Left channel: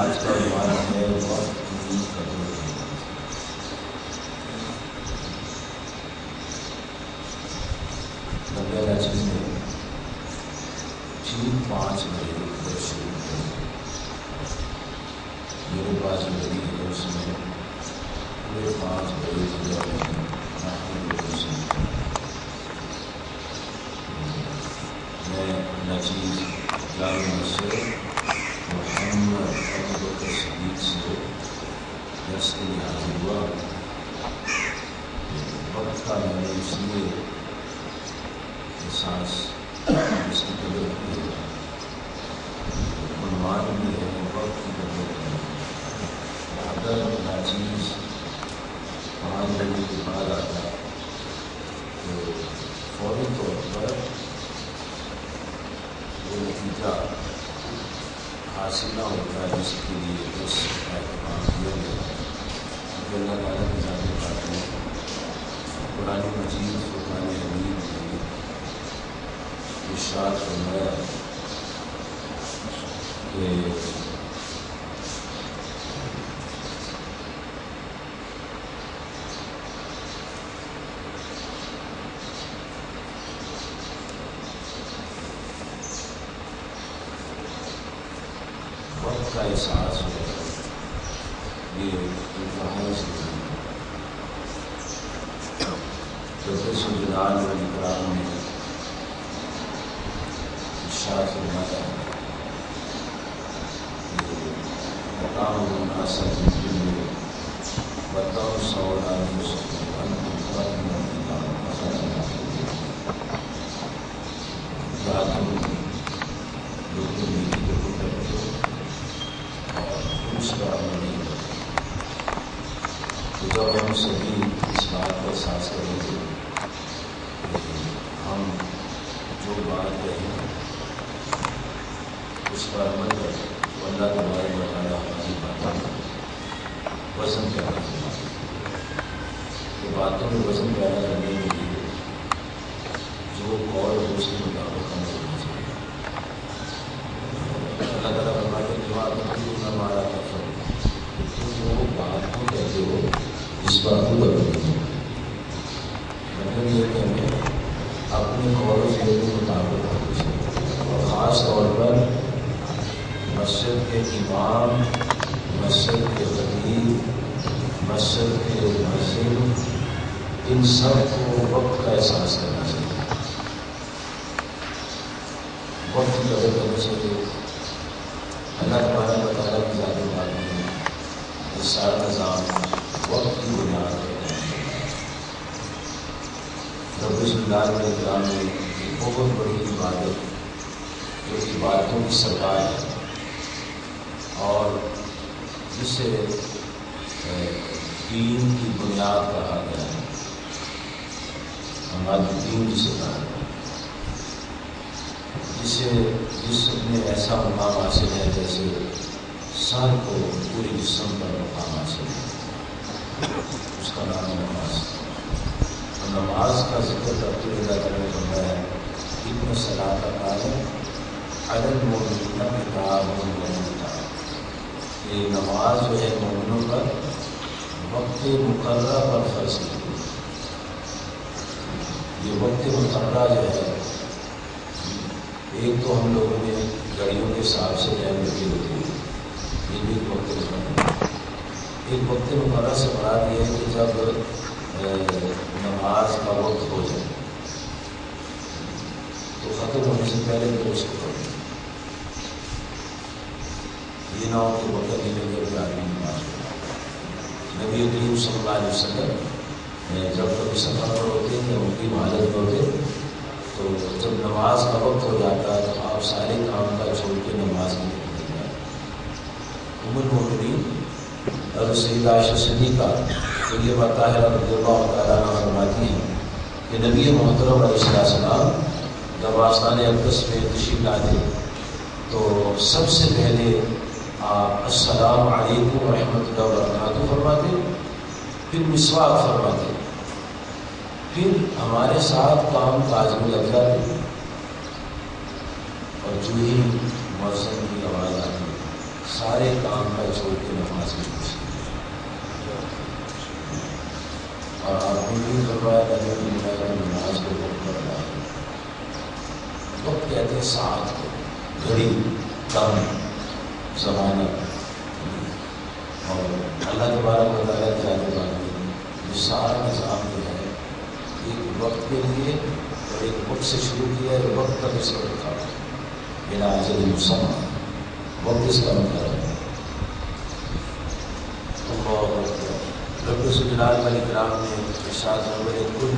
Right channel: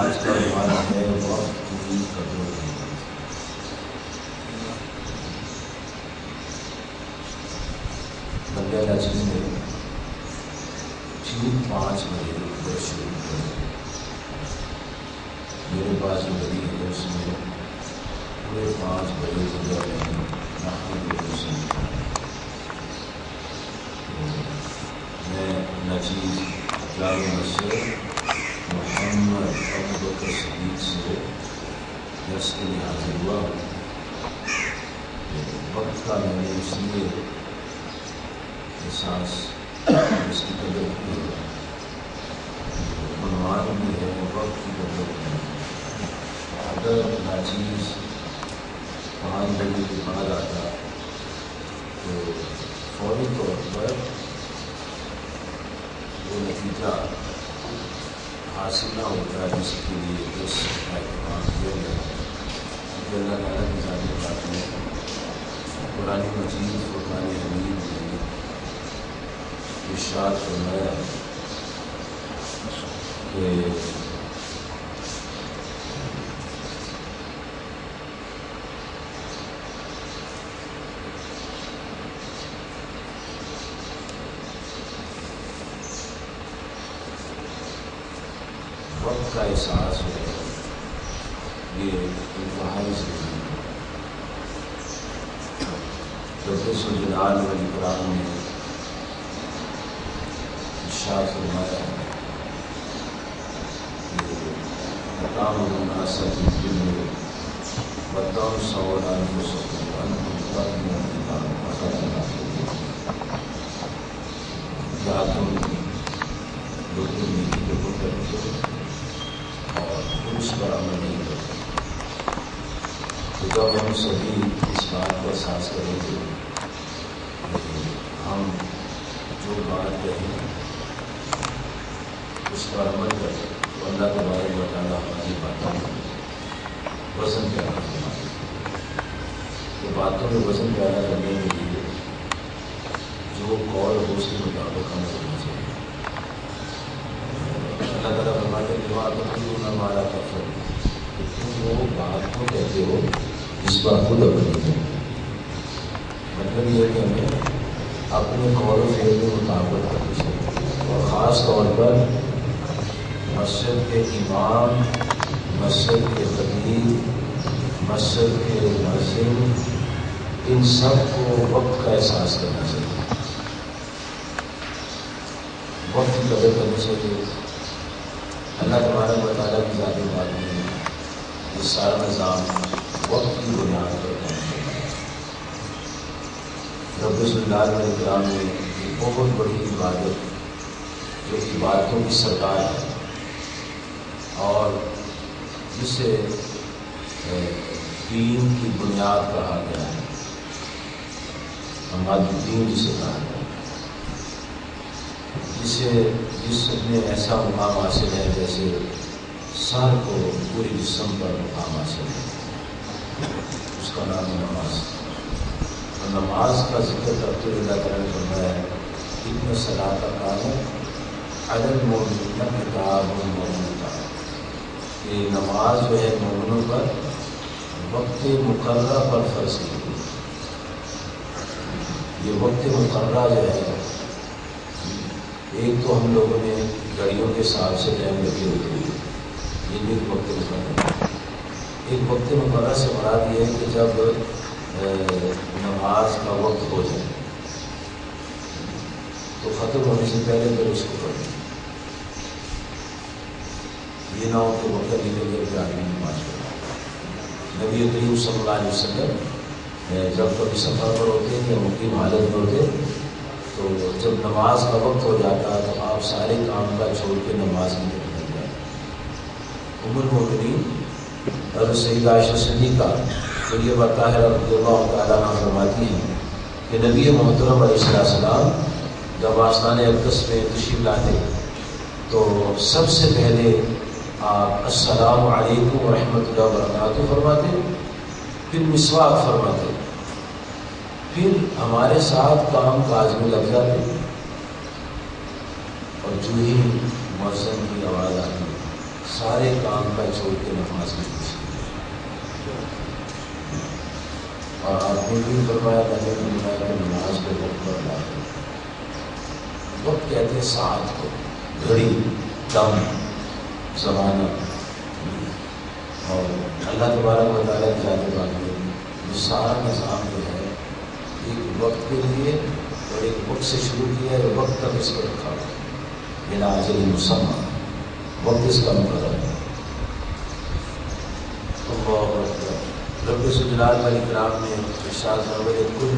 آج کا ہمارا ہے وقت کی قدر بندہ چیز میں ٹھیک 5 بجے ادھر شروع کریں. میرے پاس جو گھڑی ہے اس میں پورے 5 بجے ادھر میں نچیز جامع مسجد محمد ابوبکر صدیق سے درس کے لیے حاضر ہوا. وقت کا میں نے اس لیے احساس اس کی قدر کی ہے، عنوان بھی ہے وقت کی قدر کی. اگر ناچیز 5 بجے کے بعد آتا تو فوری طور پر وہ نتیجہ حاصل نہ ہوتا جس کے لیے اس کا اہتمام کیا گیا. کہ اللہ تعالیٰ کی ذات بات میں قرآن مجید فرقان حمید میں ارشاد فرمایا کہ وقت کا احساس ہے یہ انتہائی ضروری ہے. رب الجلال والاکرام نے ارشاد فرمایا کہ مقام الناس بالبر وتنسوا انفسکم وانتم تتلون الکتاب افلا تعقلون. کیا تم لوگوں نے نیکی کو حکم کرتے ہو اور اس پر عمل نہیں کرتے؟ تو جب ہم سبھی اس بات کا احساس کریں گے کہ ہم جو بات کہیں اس پر عمل کریں تو اللہ تبارک و تعالیٰ ہماری باتوں میں وزن پیدا فرمائے. تو باتوں میں وزن پیدا کرنے کے لیے جو قول ہو اس کے مطابق ہم کرنا چاہیے. اللہ تعالیٰ فرماتے ہیں جماعت خود ہمارا تفر کہ تم وہ بات کو کہتے ہو جس پر خود عمل نہیں. مطلب یہ کہ ہمیں اپنے قول و فعل کے مطابق کرنا چاہیے. اور خاص طور پر مسجد کے امام، مسجد کے خطیب، مسجد کے مؤذن، ان سب کو وقت کا احساس کرنا چاہیے، وقت کی قدر کرنی چاہیے. اللہ تبارک و تعالیٰ کی ذات بات میں یہ سارا نظام وقت کی بنیاد پر ہے. رب الجلال والاکرام نے ایک بہت بڑی عبادت جو عبادتوں کی سردار ہے اور جسے دین کی بنیاد کہا گیا ہے، ہمارا دین جسے کہا گیا ہے، جس میں ایسا مقام حاصل ہے جیسے سر کو پوری جسم پر مقام حاصل ہے، اس کا نام نماز. اور نماز کا ذکر کرتے ہوئے اللہ تعالیٰ نے فرمایا ہے اتنا صلاۃ کانت علی المؤمنین کتابا موقوتا. یہ نماز جو ہے مومنوں پر وقت مقررہ پر فرض کی گئی. یہ وقت مقررہ جو ہے، ایک تو ہم لوگوں نے گھڑیوں کے حساب سے ٹائم لگی ہوتی ہے، یہ بھی ایک وقت مقررہ ہے. ایک وقت مقررہ سے مراد یہ ہے کہ جب نماز کا وقت ہو جائے تو ختم ہونے سے پہلے پھر اس کو پڑھیں. یہ نہ ہو کہ وقت نہیں لگے کہ آدمی نماز پڑھے. نبی کریم صلی اللہ علیہ وسلم جب کبھی سفر پر ہوتے یا مقیم حالت میں ہوتے تو جب نماز کا وقت ہو جاتا تو آپ سارے کام کا چھوڑ کے نماز میں نکل جاتے. ام المؤمنین اور سیدہ عائشہ صدیقہ طیبہ طاہرہ رضی اللہ تعالیٰ عنہا فرماتی نبی محترم علیہ السلام جب آستان اقدس میں تشریف لاتے تو سب سے پہلے آپ السلام علیکم ورحمۃ اللہ وبرکاتہ فرماتے، پھر مسواک فرماتے، پھر ہمارے ساتھ کام کاج میں لگ جاتے، اور جو ہی مؤذن کی آواز آتی سارے کام کا چھوڑ کے نماز میں گھس گئے۔ اور آپ نے بھی فرمایا نماز کو وقت پر ادا کرو۔ وقت کہتے ہیں ساعت کو، گھڑی، دم، زمانہ، اور اللہ تبارک و تعالیٰ کی ذات بات میں یہ سارا نظام جو ہے ایک وقت کے لیے اور ایک وقت سے شروع کیا ہے، وقت تک اس کو رکھا بلا اجل مسمى، وقت اس کا مقرر ہے۔ اللہ اکبر۔ رب ذوالجلال والاکرام نے ارشاد فرمایا کل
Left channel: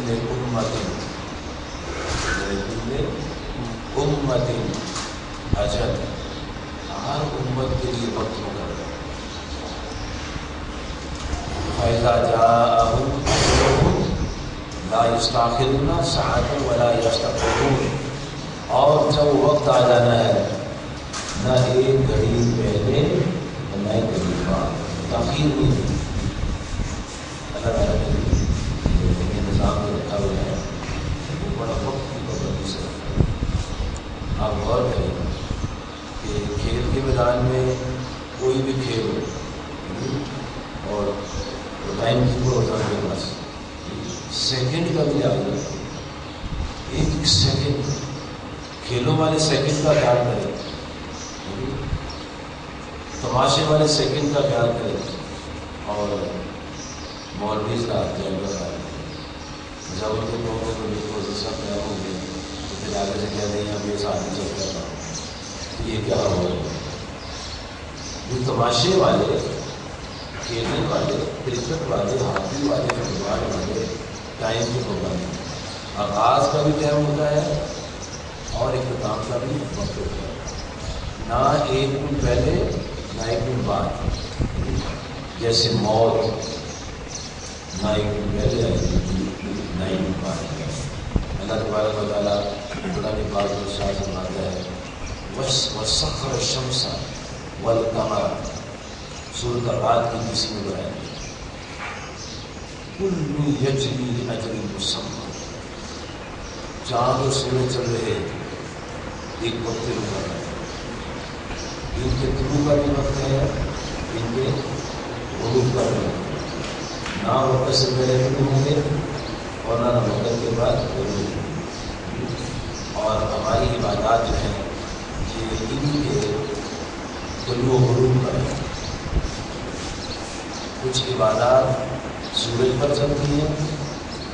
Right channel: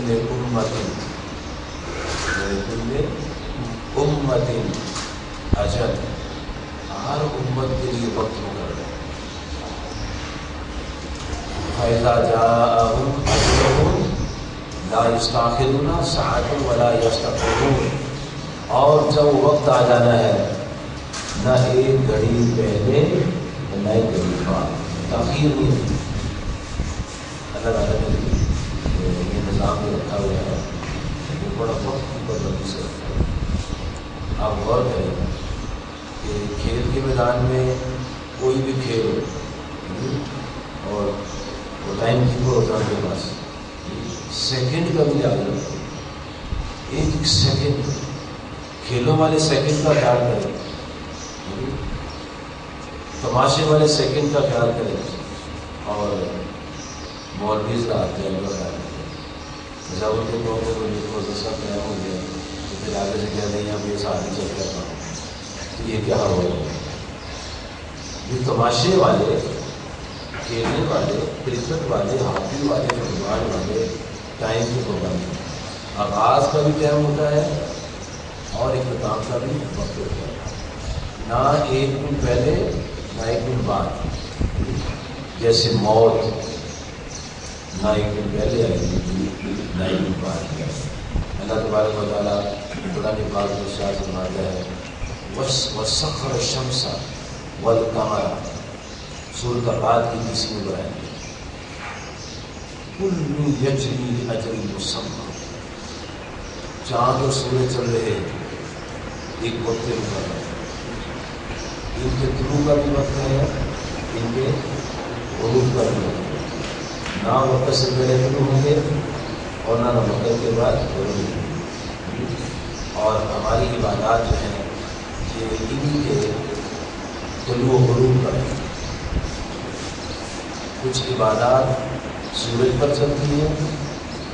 امت اجل، ہر امت کے لیے وقت مقرر ہے۔ فَإِذَا جَاءَهُمْ أَجَلُهُمْ لَا يَسْتَأْخِرُونَ سَاعَةً وَلَا يَسْتَقْدِمُونَ، اور جب وقت آ جانا ہے نہ ایک گھڑی پہلے نہ ایک گھڑی بعد، تاخیر نہیں دی۔ اللہ تعالیٰ نے یہ نظام میں رکھا ہوا ہے، وہ بڑا وقت کی پابندی سے رکھا ہے۔ آپ غور کریں کہ کھیل کے میدان میں کوئی بھی کھیل ہو اور ٹائم کیپر ہوتا ہے کے پاس، سیکنڈ کا بھی آگے رکھو، ایک سیکنڈ، کھیلوں والے سیکنڈ کا خیال کریں، تماشے والے سیکنڈ کا خیال کریں، اور مولویز کا خیال کریں۔ جب ان کے موقع کو سب نیا ہو گیا تو پھر آگے سے کہہ رہے ہیں ہم یہ ساتھ چل رہا تو یہ کیا ہو رہا ہے؟ یہ تماشے والے، کھیلنے والے، کرکٹ والے، ہاکی والے، فٹ بال والے ٹائم کی پابندی، آغاز کا بھی ٹائم ہوتا ہے اور اختتام کا بھی وقت ہوتا ہے، نہ ایک منٹ پہلے نہ ایک منٹ بعد، جیسے موت نہ ایک منٹ پہلے آئے گی نہ ایک منٹ بعد۔ اللہ تبارک و تعالیٰ قرآن پاک میں ارشاد فرماتا ہے وَسَخَّرَ الشَّمْسَ وَالْقَمَرَ، سورۃ الرعد کی 20ویں آیت، كُلٌّ يَجْرِي لِأَجَلٍ مُّسَمًّى، چاند اور سورج چل رہے ایک وقت مقرر ہے، ان کے طلوع کا بھی وقت ہے، ان کے غروب کا بھی وقت ہے، نہ وقت سے پہلے طلوع ہوں گے اور نہ وقت کے بعد غروب۔ اور ہماری عبادات جو ہیں یہ انہی کے طلوع و غروب پر ہے۔ کچھ عبادات سورج پر چلتی ہیں،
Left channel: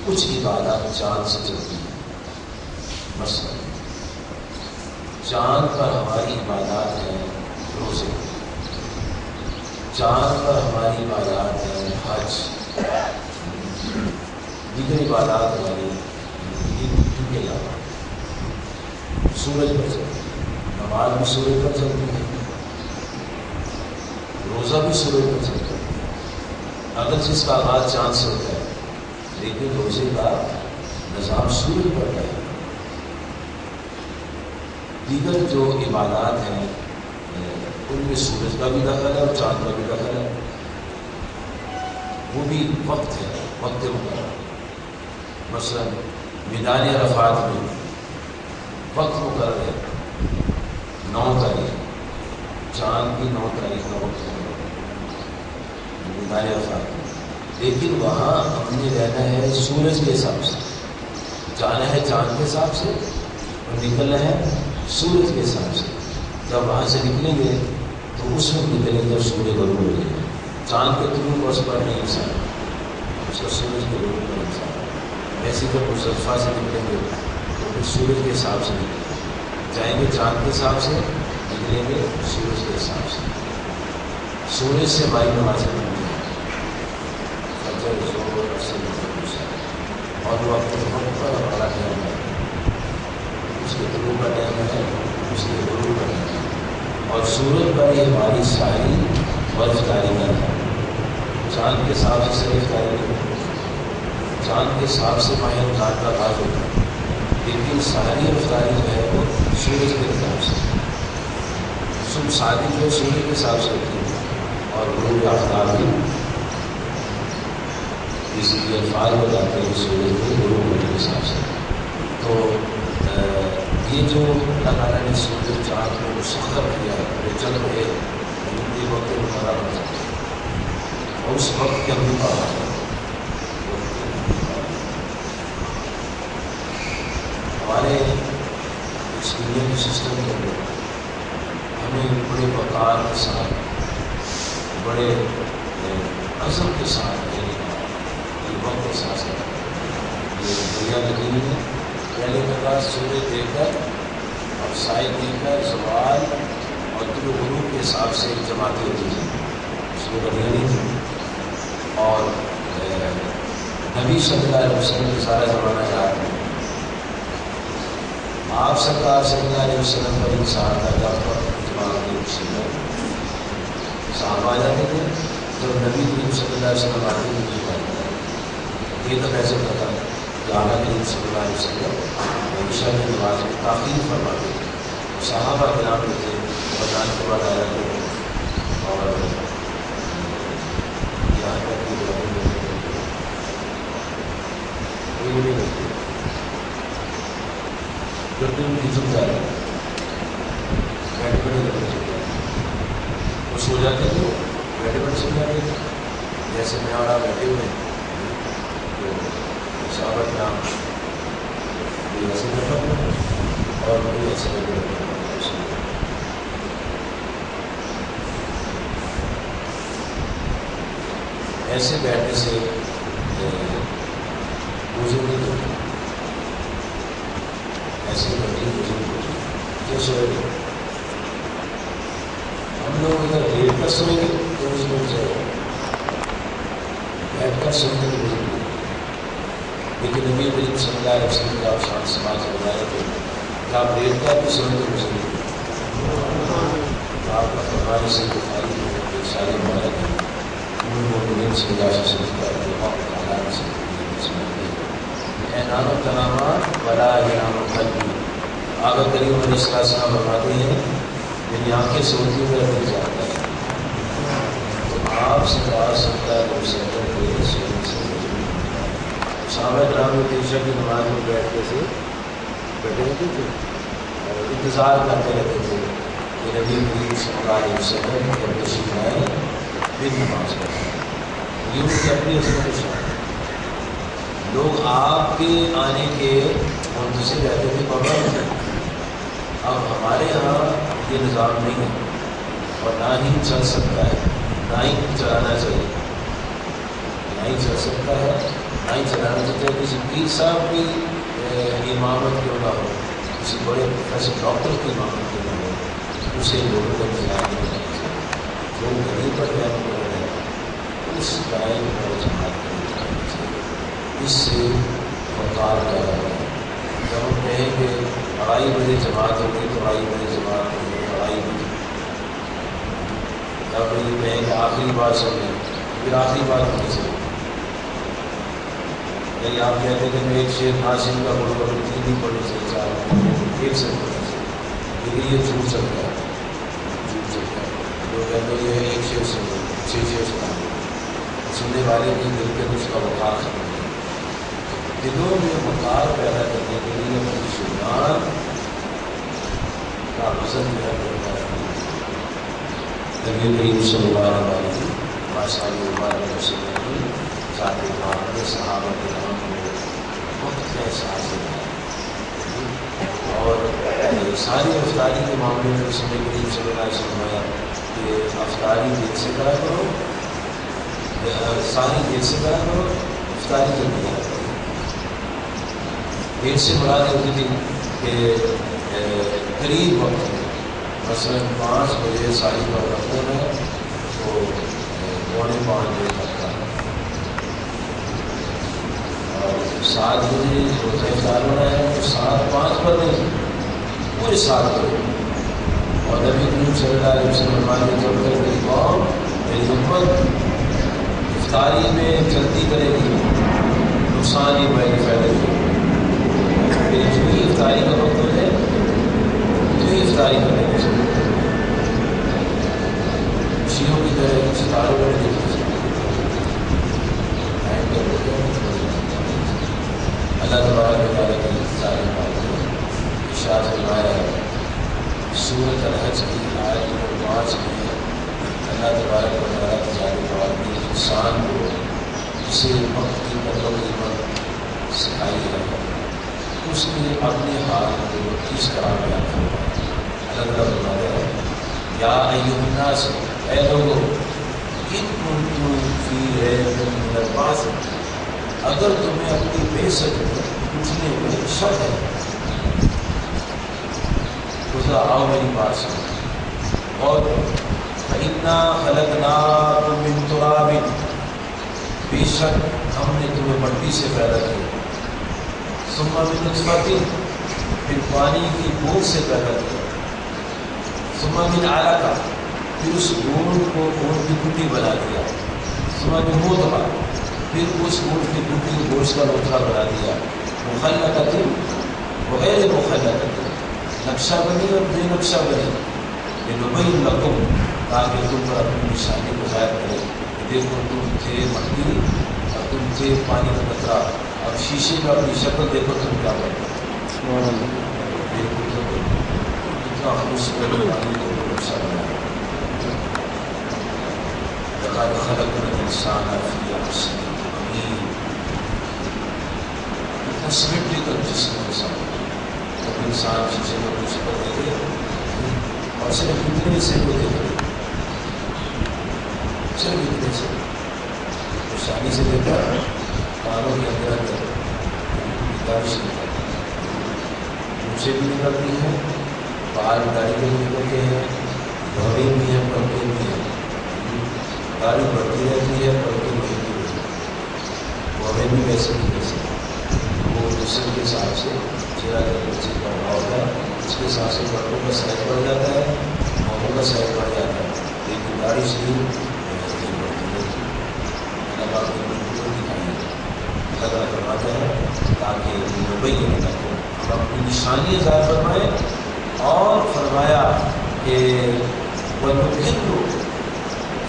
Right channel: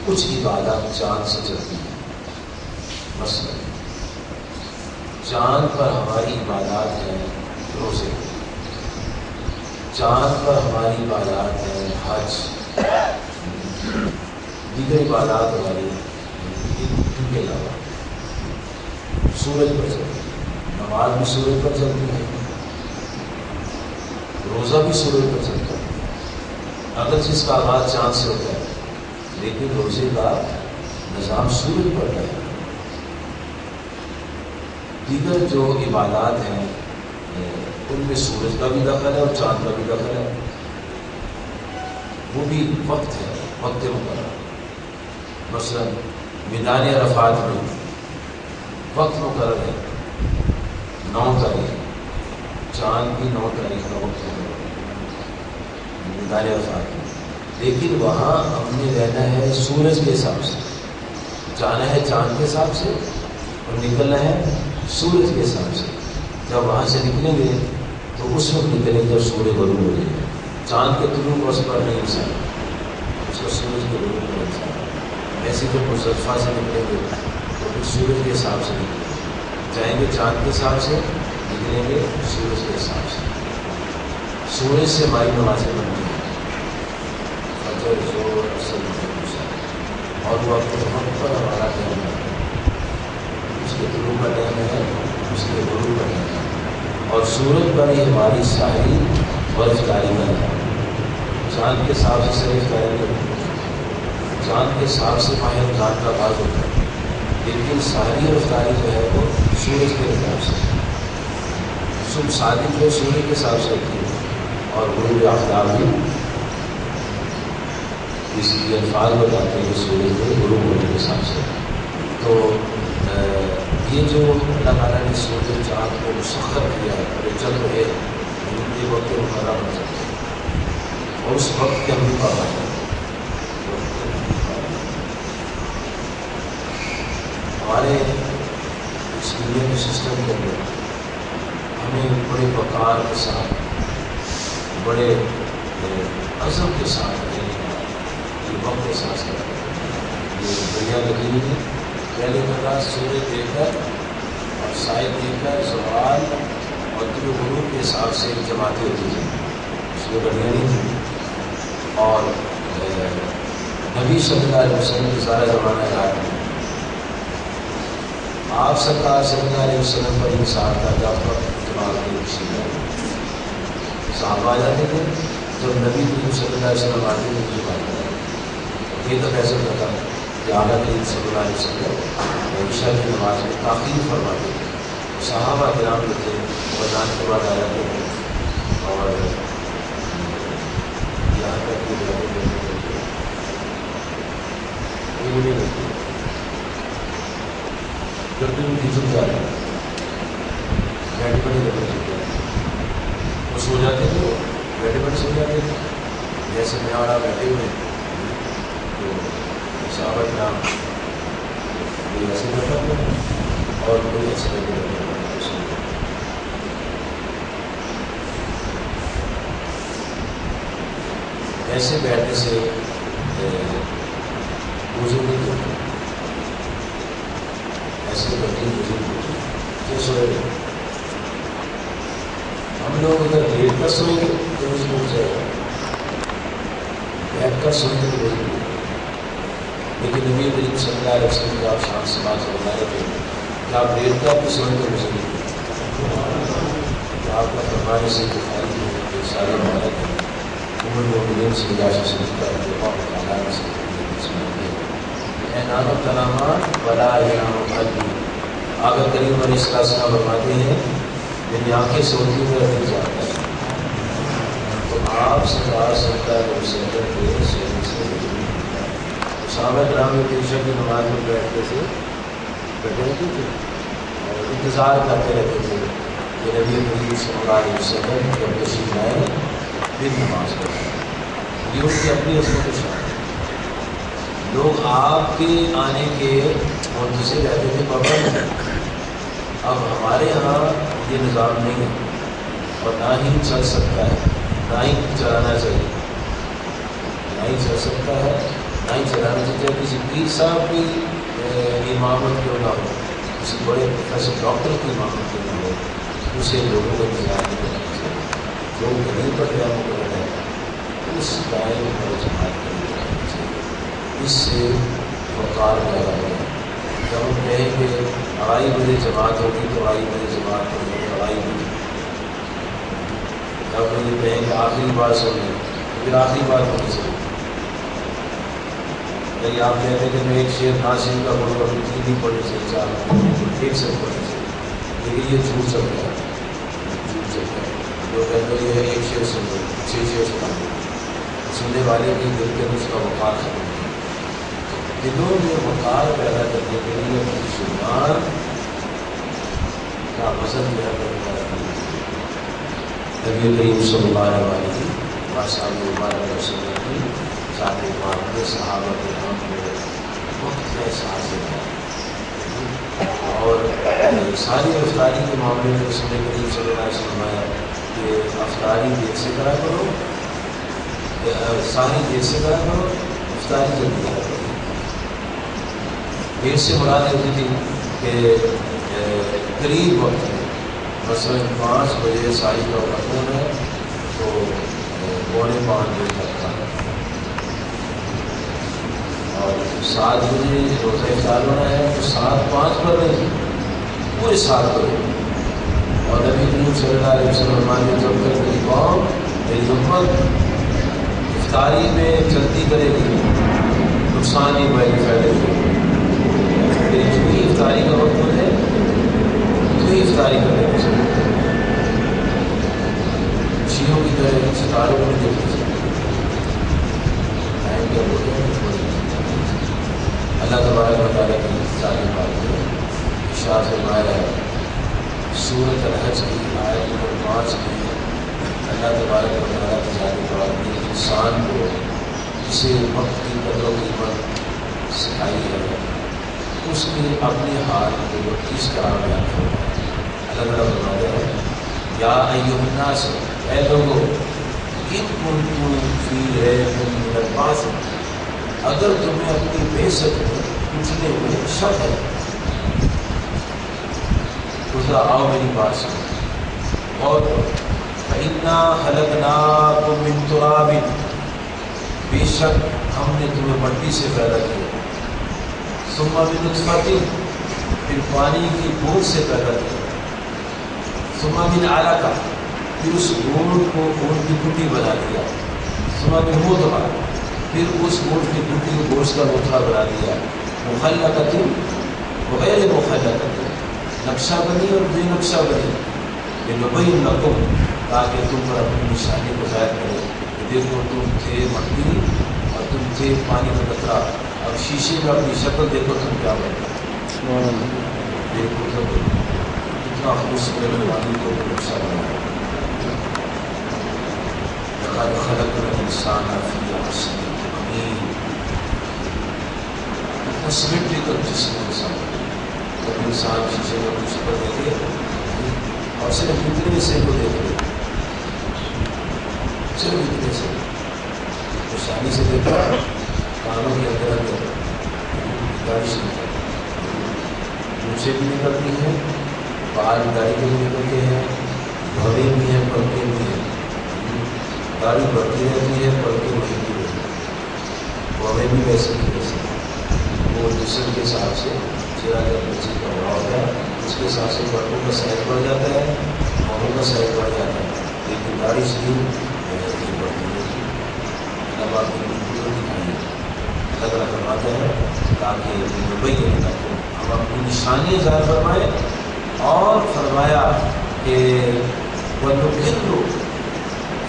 کچھ عبادات چاند سے چلتی ہیں۔ مثلا چاند پر ہماری عبادات ہیں روزے، چاند پر ہماری عبادات ہیں حج، دیگر عبادات ہماری ان کے علاوہ سورج پر چلتی ہے، نماز بھی سورج پر چلتی ہے، روزہ بھی سورج پر چلتا ہے، اگر جس کا آغاز چاند سے ہوتا ہے لیکن روزے کا نظام سورج پر ہے۔ دیگر جو عبادات ہیں ان میں سورج کا بھی دخل ہے اور چاند کا بھی دخل ہے، وہ بھی وقت ہے، وقت مقرر۔ مثلا میدان عرفات میں وقت مقرر ہے 9 تاریخ، چاند کی 9 تاریخ کا وقت مقرر ہے میدان عرفات میں، لیکن وہاں ہم نے رہنا ہے سورج کے حساب سے، جانا ہے چاند کے حساب سے اور نکلنا ہے سورج کے حساب سے۔ جب وہاں سے نکلیں گے تو اس وقت نکلیں گے جب سورج غروب ہو جائے گا، چاند کے طلوع کو اس پر نہیں انسان، اس کا سورج کے غروب پر انسان۔ ایسے جب مزدلفہ سے نکلیں گے تو پھر سورج کے حساب سے نکلیں گے، جائیں گے چاند کے حساب سے، نکلیں گے سورج کے حساب سے۔ سورج سے ہماری نمازیں بنتی ہیں، فجر، ظہر، عصر، مغرب، اور وہ اپنے وقت پر ہمارا ٹائم ہے، اس کے طلوع کا ٹائم ہے، اس کے غروب کا ٹائم ہے، اور سورج پر ہی ہماری ساری ورزداری میں ہے، چاند کے حساب سے صرف افطاری نہیں، چاند کے حساب سے ماہ رمضان کا آغاز ہوتا ہے، لیکن سحری اور افطاری جو ہے وہ سورج کے حساب سے، صبح صادق جو ہے سورج کے حساب سے ہوتی ہے، اور غروب آفتاب بھی اس لیے الفاظ بتاتے ہیں سورج کے غروب ہونے کے حساب سے۔ تو یہ جو اللہ تعالیٰ نے سورج چاند کو مسخر کیا ہے اور یہ چل رہے یہ وقت مقرر ہو جاتا ہے اور اس وقت کے اندر پڑا ہے۔ ہمارے اس دنیا کے سسٹم کے اندر ہمیں بڑے وقار کے ساتھ، بڑے عزم کے ساتھ یہ وقت کے ساتھ یہ دنیا لگی ہوئی ہے۔ پہلے کا سورج دیکھ کر اور سائے دیکھ کر زوال اور طلوع غروب کے حساب سے جماعتیں ہوتی ہیں، اس میں گھڑیاں نہیں تھیں، اور نبی صلی اللہ علیہ وسلم کا سارا زمانہ یاد ہے۔ آپ سرکار صلی اللہ علیہ وسلم پر انصار تھا جب پر جماعت کی خوشی میں صحابہ آ جاتے تھے، جب نبی کریم صلی اللہ علیہ وسلم آتے تھے مجھے بات کرا یہ تو کیسے پتا کہ آقا کریم صلی اللہ علیہ وسلم عشاء کی نماز میں تاخیر فرماتے تھے، صحابہ کرام جو تھے رمضان کے بعد آ جاتے تھے اور یہاں تک کہ جب بھی ان کی جھک جا رہے بیٹھے بیٹھے جب جھک جاتے وہ سو جاتے تھے، بیٹھے بیٹھے سو جاتے تھے، جیسے میں اور آپ بیٹھے ہوئے تو صحابہ کرام کوئی ایسے بیٹھا ہوا اور کوئی ایسے بیٹھے بیٹھا ایسے بیٹھنے سے بزرگ نہیں ہوتے، ایسے بیٹھے بزرگ ہوتے جو سوئے گئے۔ ہم لوگ اگر لیٹ کر سوئیں گے تو بزرگ ہو جائے گا، بیٹھ کر سوئیں گے تو بزرگ ہو، لیکن نبی کریم صلی اللہ علیہ وسلم کا آپ شان سماج بتائے تھے کہ آپ لیٹ کر بھی سوئیں تو بزرگ ہو، تو آپ کا فرمانے سے بخاری میں سارے مبارک ہیں المؤمنین سے جاشا سمجھتا ہے کہ وقت تعالیٰ سے اعنان و تنامات ولا اعنان و قلبی۔ آقا کریم علیہ السلام فرماتے ہیں میری آنکھیں سوتی میں رکھ جاتا ہے، تو آپ سے بات سکتا ہے وہ سیکر کے سونے سے صحابہ کرام میں عشاء کی نماز میں بیٹھتے تھے، بیٹھے رہتے تھے اور انتظار کرتے رہتے تھے کہ نبی کریم صلی اللہ علیہ وسلم جب تشریف آئے پھر نماز پڑھیں۔ یہ ان کی اپنی عظمت و شان ہے۔ لوگ آپ کے آنے کے منتظر رہتے تھے پابند، اب ہمارے یہاں یہ نظام نہیں ہے اور نہ ہی چل سکتا ہے، نہ ہی چلانا چاہیے، نہ ہی چل سکتا ہے نہ ہی چلانا چاہیے۔ کسی پیر صاحب کی امامت کیوں نہ ہو، کسی بڑے پروفیسر ڈاکٹر کی امامت کیوں نہ ہو، اسے لوگوں کا انتظار نہیں کرنا چاہیے۔ لوگ نہیں پڑھتے ہیں پڑھ رہے ہیں اس ٹائم پر جماعت کرنی چاہیے، اس سے وقار پیدا ہوگا۔ جب ہم کہیں کہ 2:30 بجے جماعت ہوگی تو 2:30 بجے جماعت ہوگی، 2:30 بجے جب یہ کہیں کہ آخری بات سنیں پھر آخری بات ہونے چاہیے۔ یعنی آپ کہتے ہیں کہ میں ایک شعر ناصر کا بولوں گا 3 دن پڑھنے سے 4 ایک سے پڑھنے سے، لیکن یہ جھوٹ سکتا ہے، جھوٹ سکتا ہے۔ جو کہتے ہیں یہ ایک شعر سن لو 6 شعر سنا دو، سننے والے کی دل کے اس کا وقار ختم ہو۔ دلوں میں وقار پیدا کرنے کے لیے اپنی زبان کا وزن جو ہے نبی کریم صلی اللہ علیہ وسلم کی ذات پاک میں صحابہ کرام کو وقت کا احساس ہے، اور ساری افطاری کے معاملے میں رسول کریم صلی اللہ علیہ وسلم آیا کہ افطاری دیر سے کرا کرو، ساری دیر سے کرا کرو، افطاری جلدی کرا کرو۔ دیر سے مراد ہوتی تھی کہ قریب وقت ہے، مثلاً 5 بجے ساری کا وقت ہونا ہے تو 4:45 بجے تک کا، اور 7 بجے روزہ افطار ہونا ہے تو 7:05 پر نہیں، پورے 7 بجے۔ اور نبی کریم صلی اللہ علیہ وسلم ہمارے جب تک میری قوم میری امت افطاری میں جلدی کرے گی تو نقصان ہی بھائی فائدے جو ہی افطاری کا وقت ہو جائے تو ہی افطاری کرنے کو سکتے شیعوں کی طرح ستاروں کو نہیں دیکھ سکتے اللہ تبارک و تعالیٰ کی ساری باتیں ارشاد فرمایا ہے سورۃ الحج کی آیت نمبر 5 میں اللہ تبارک و تعالیٰ کی ساری باتیں انسان کو اسے وقت کی قدر و قیمت سکھائی ہے اس نے اپنے حال کو کس طرح بیان فرمایا اللہ تعالیٰ فرماتا ہے یا ایھا الناس اے لوگوں ان کنتم فی ریب من البعث اگر تمہیں اپنی بعثت میں اٹھنے میں شک ہے تو ذرا آؤ میری بات سنو اور فَإِنَّا خَلَقْنَاكُم مِّن تُرَابٍ بے شک ہم نے تمہیں مٹی سے پیدا کیا ثُمَّ مِن نُطْفَةٍ پھر پانی کی بوند سے پیدا کیا ثُمَّ مِنْ عَلَقَةٍ پھر اس گوند کو گوند کی گٹی بنا دیا ثُمَّ مِن مُضْغَةٍ پھر اس گوشت کی گٹی کو گوشت کا لوتھڑا بنا دیا مخلقۃ وغیر مخلقۃ نقشہ بنی اور بے نقشہ بنی لنبین لکم تاکہ تم پر اپنی نشانی کو ظاہر کرے دیکھو تم تھے مٹی اور تم تھے پانی کا قطرہ اب شیشے میں اپنی شکل دیکھو تم کیا بنتے دیکھو تم اتنا خوبصورت پانی کو نقشہ بنا لقد خلقنا الانسان فی احسن سیمیٹریکل جسم کے ساتھ جب انسان شیشے میں اپنی شکل دیکھے اور صرف اتنے سے وہ دیکھے صرف اتنے سے نشانی سے دیکھا کانوں کے اندر اندر داڑھی سے مونچھیں بھی نکلتی ہیں بال داڑھی بھی نکلتے ہیں دھوڑے بھی ہیں پلکیں بھی ہیں داڑھی بڑھتی رہتی ہے پلکیں بڑھتی رہتی ہیں وہ ہمیں بھی ویسے نہیں ویسے وہ جسم کے حساب سے چہرہ کا بچے کا ہوا ہوتا ہے اس کے حساب سے بڑوں کا سائز بڑھ جاتا ہے ماہوں کا سائز بڑھ جاتا ہے لیکن داڑھی سے ہی نہیں بڑھتی رہتی اللہ پاک کی بالکل دکھائی اللہ تعالیٰ فرماتے ہیں تاکہ مبین کو ہم اپنی نشانیاں ظاہر فرمائیں اور فرمایا کہ وَنُقِرُّ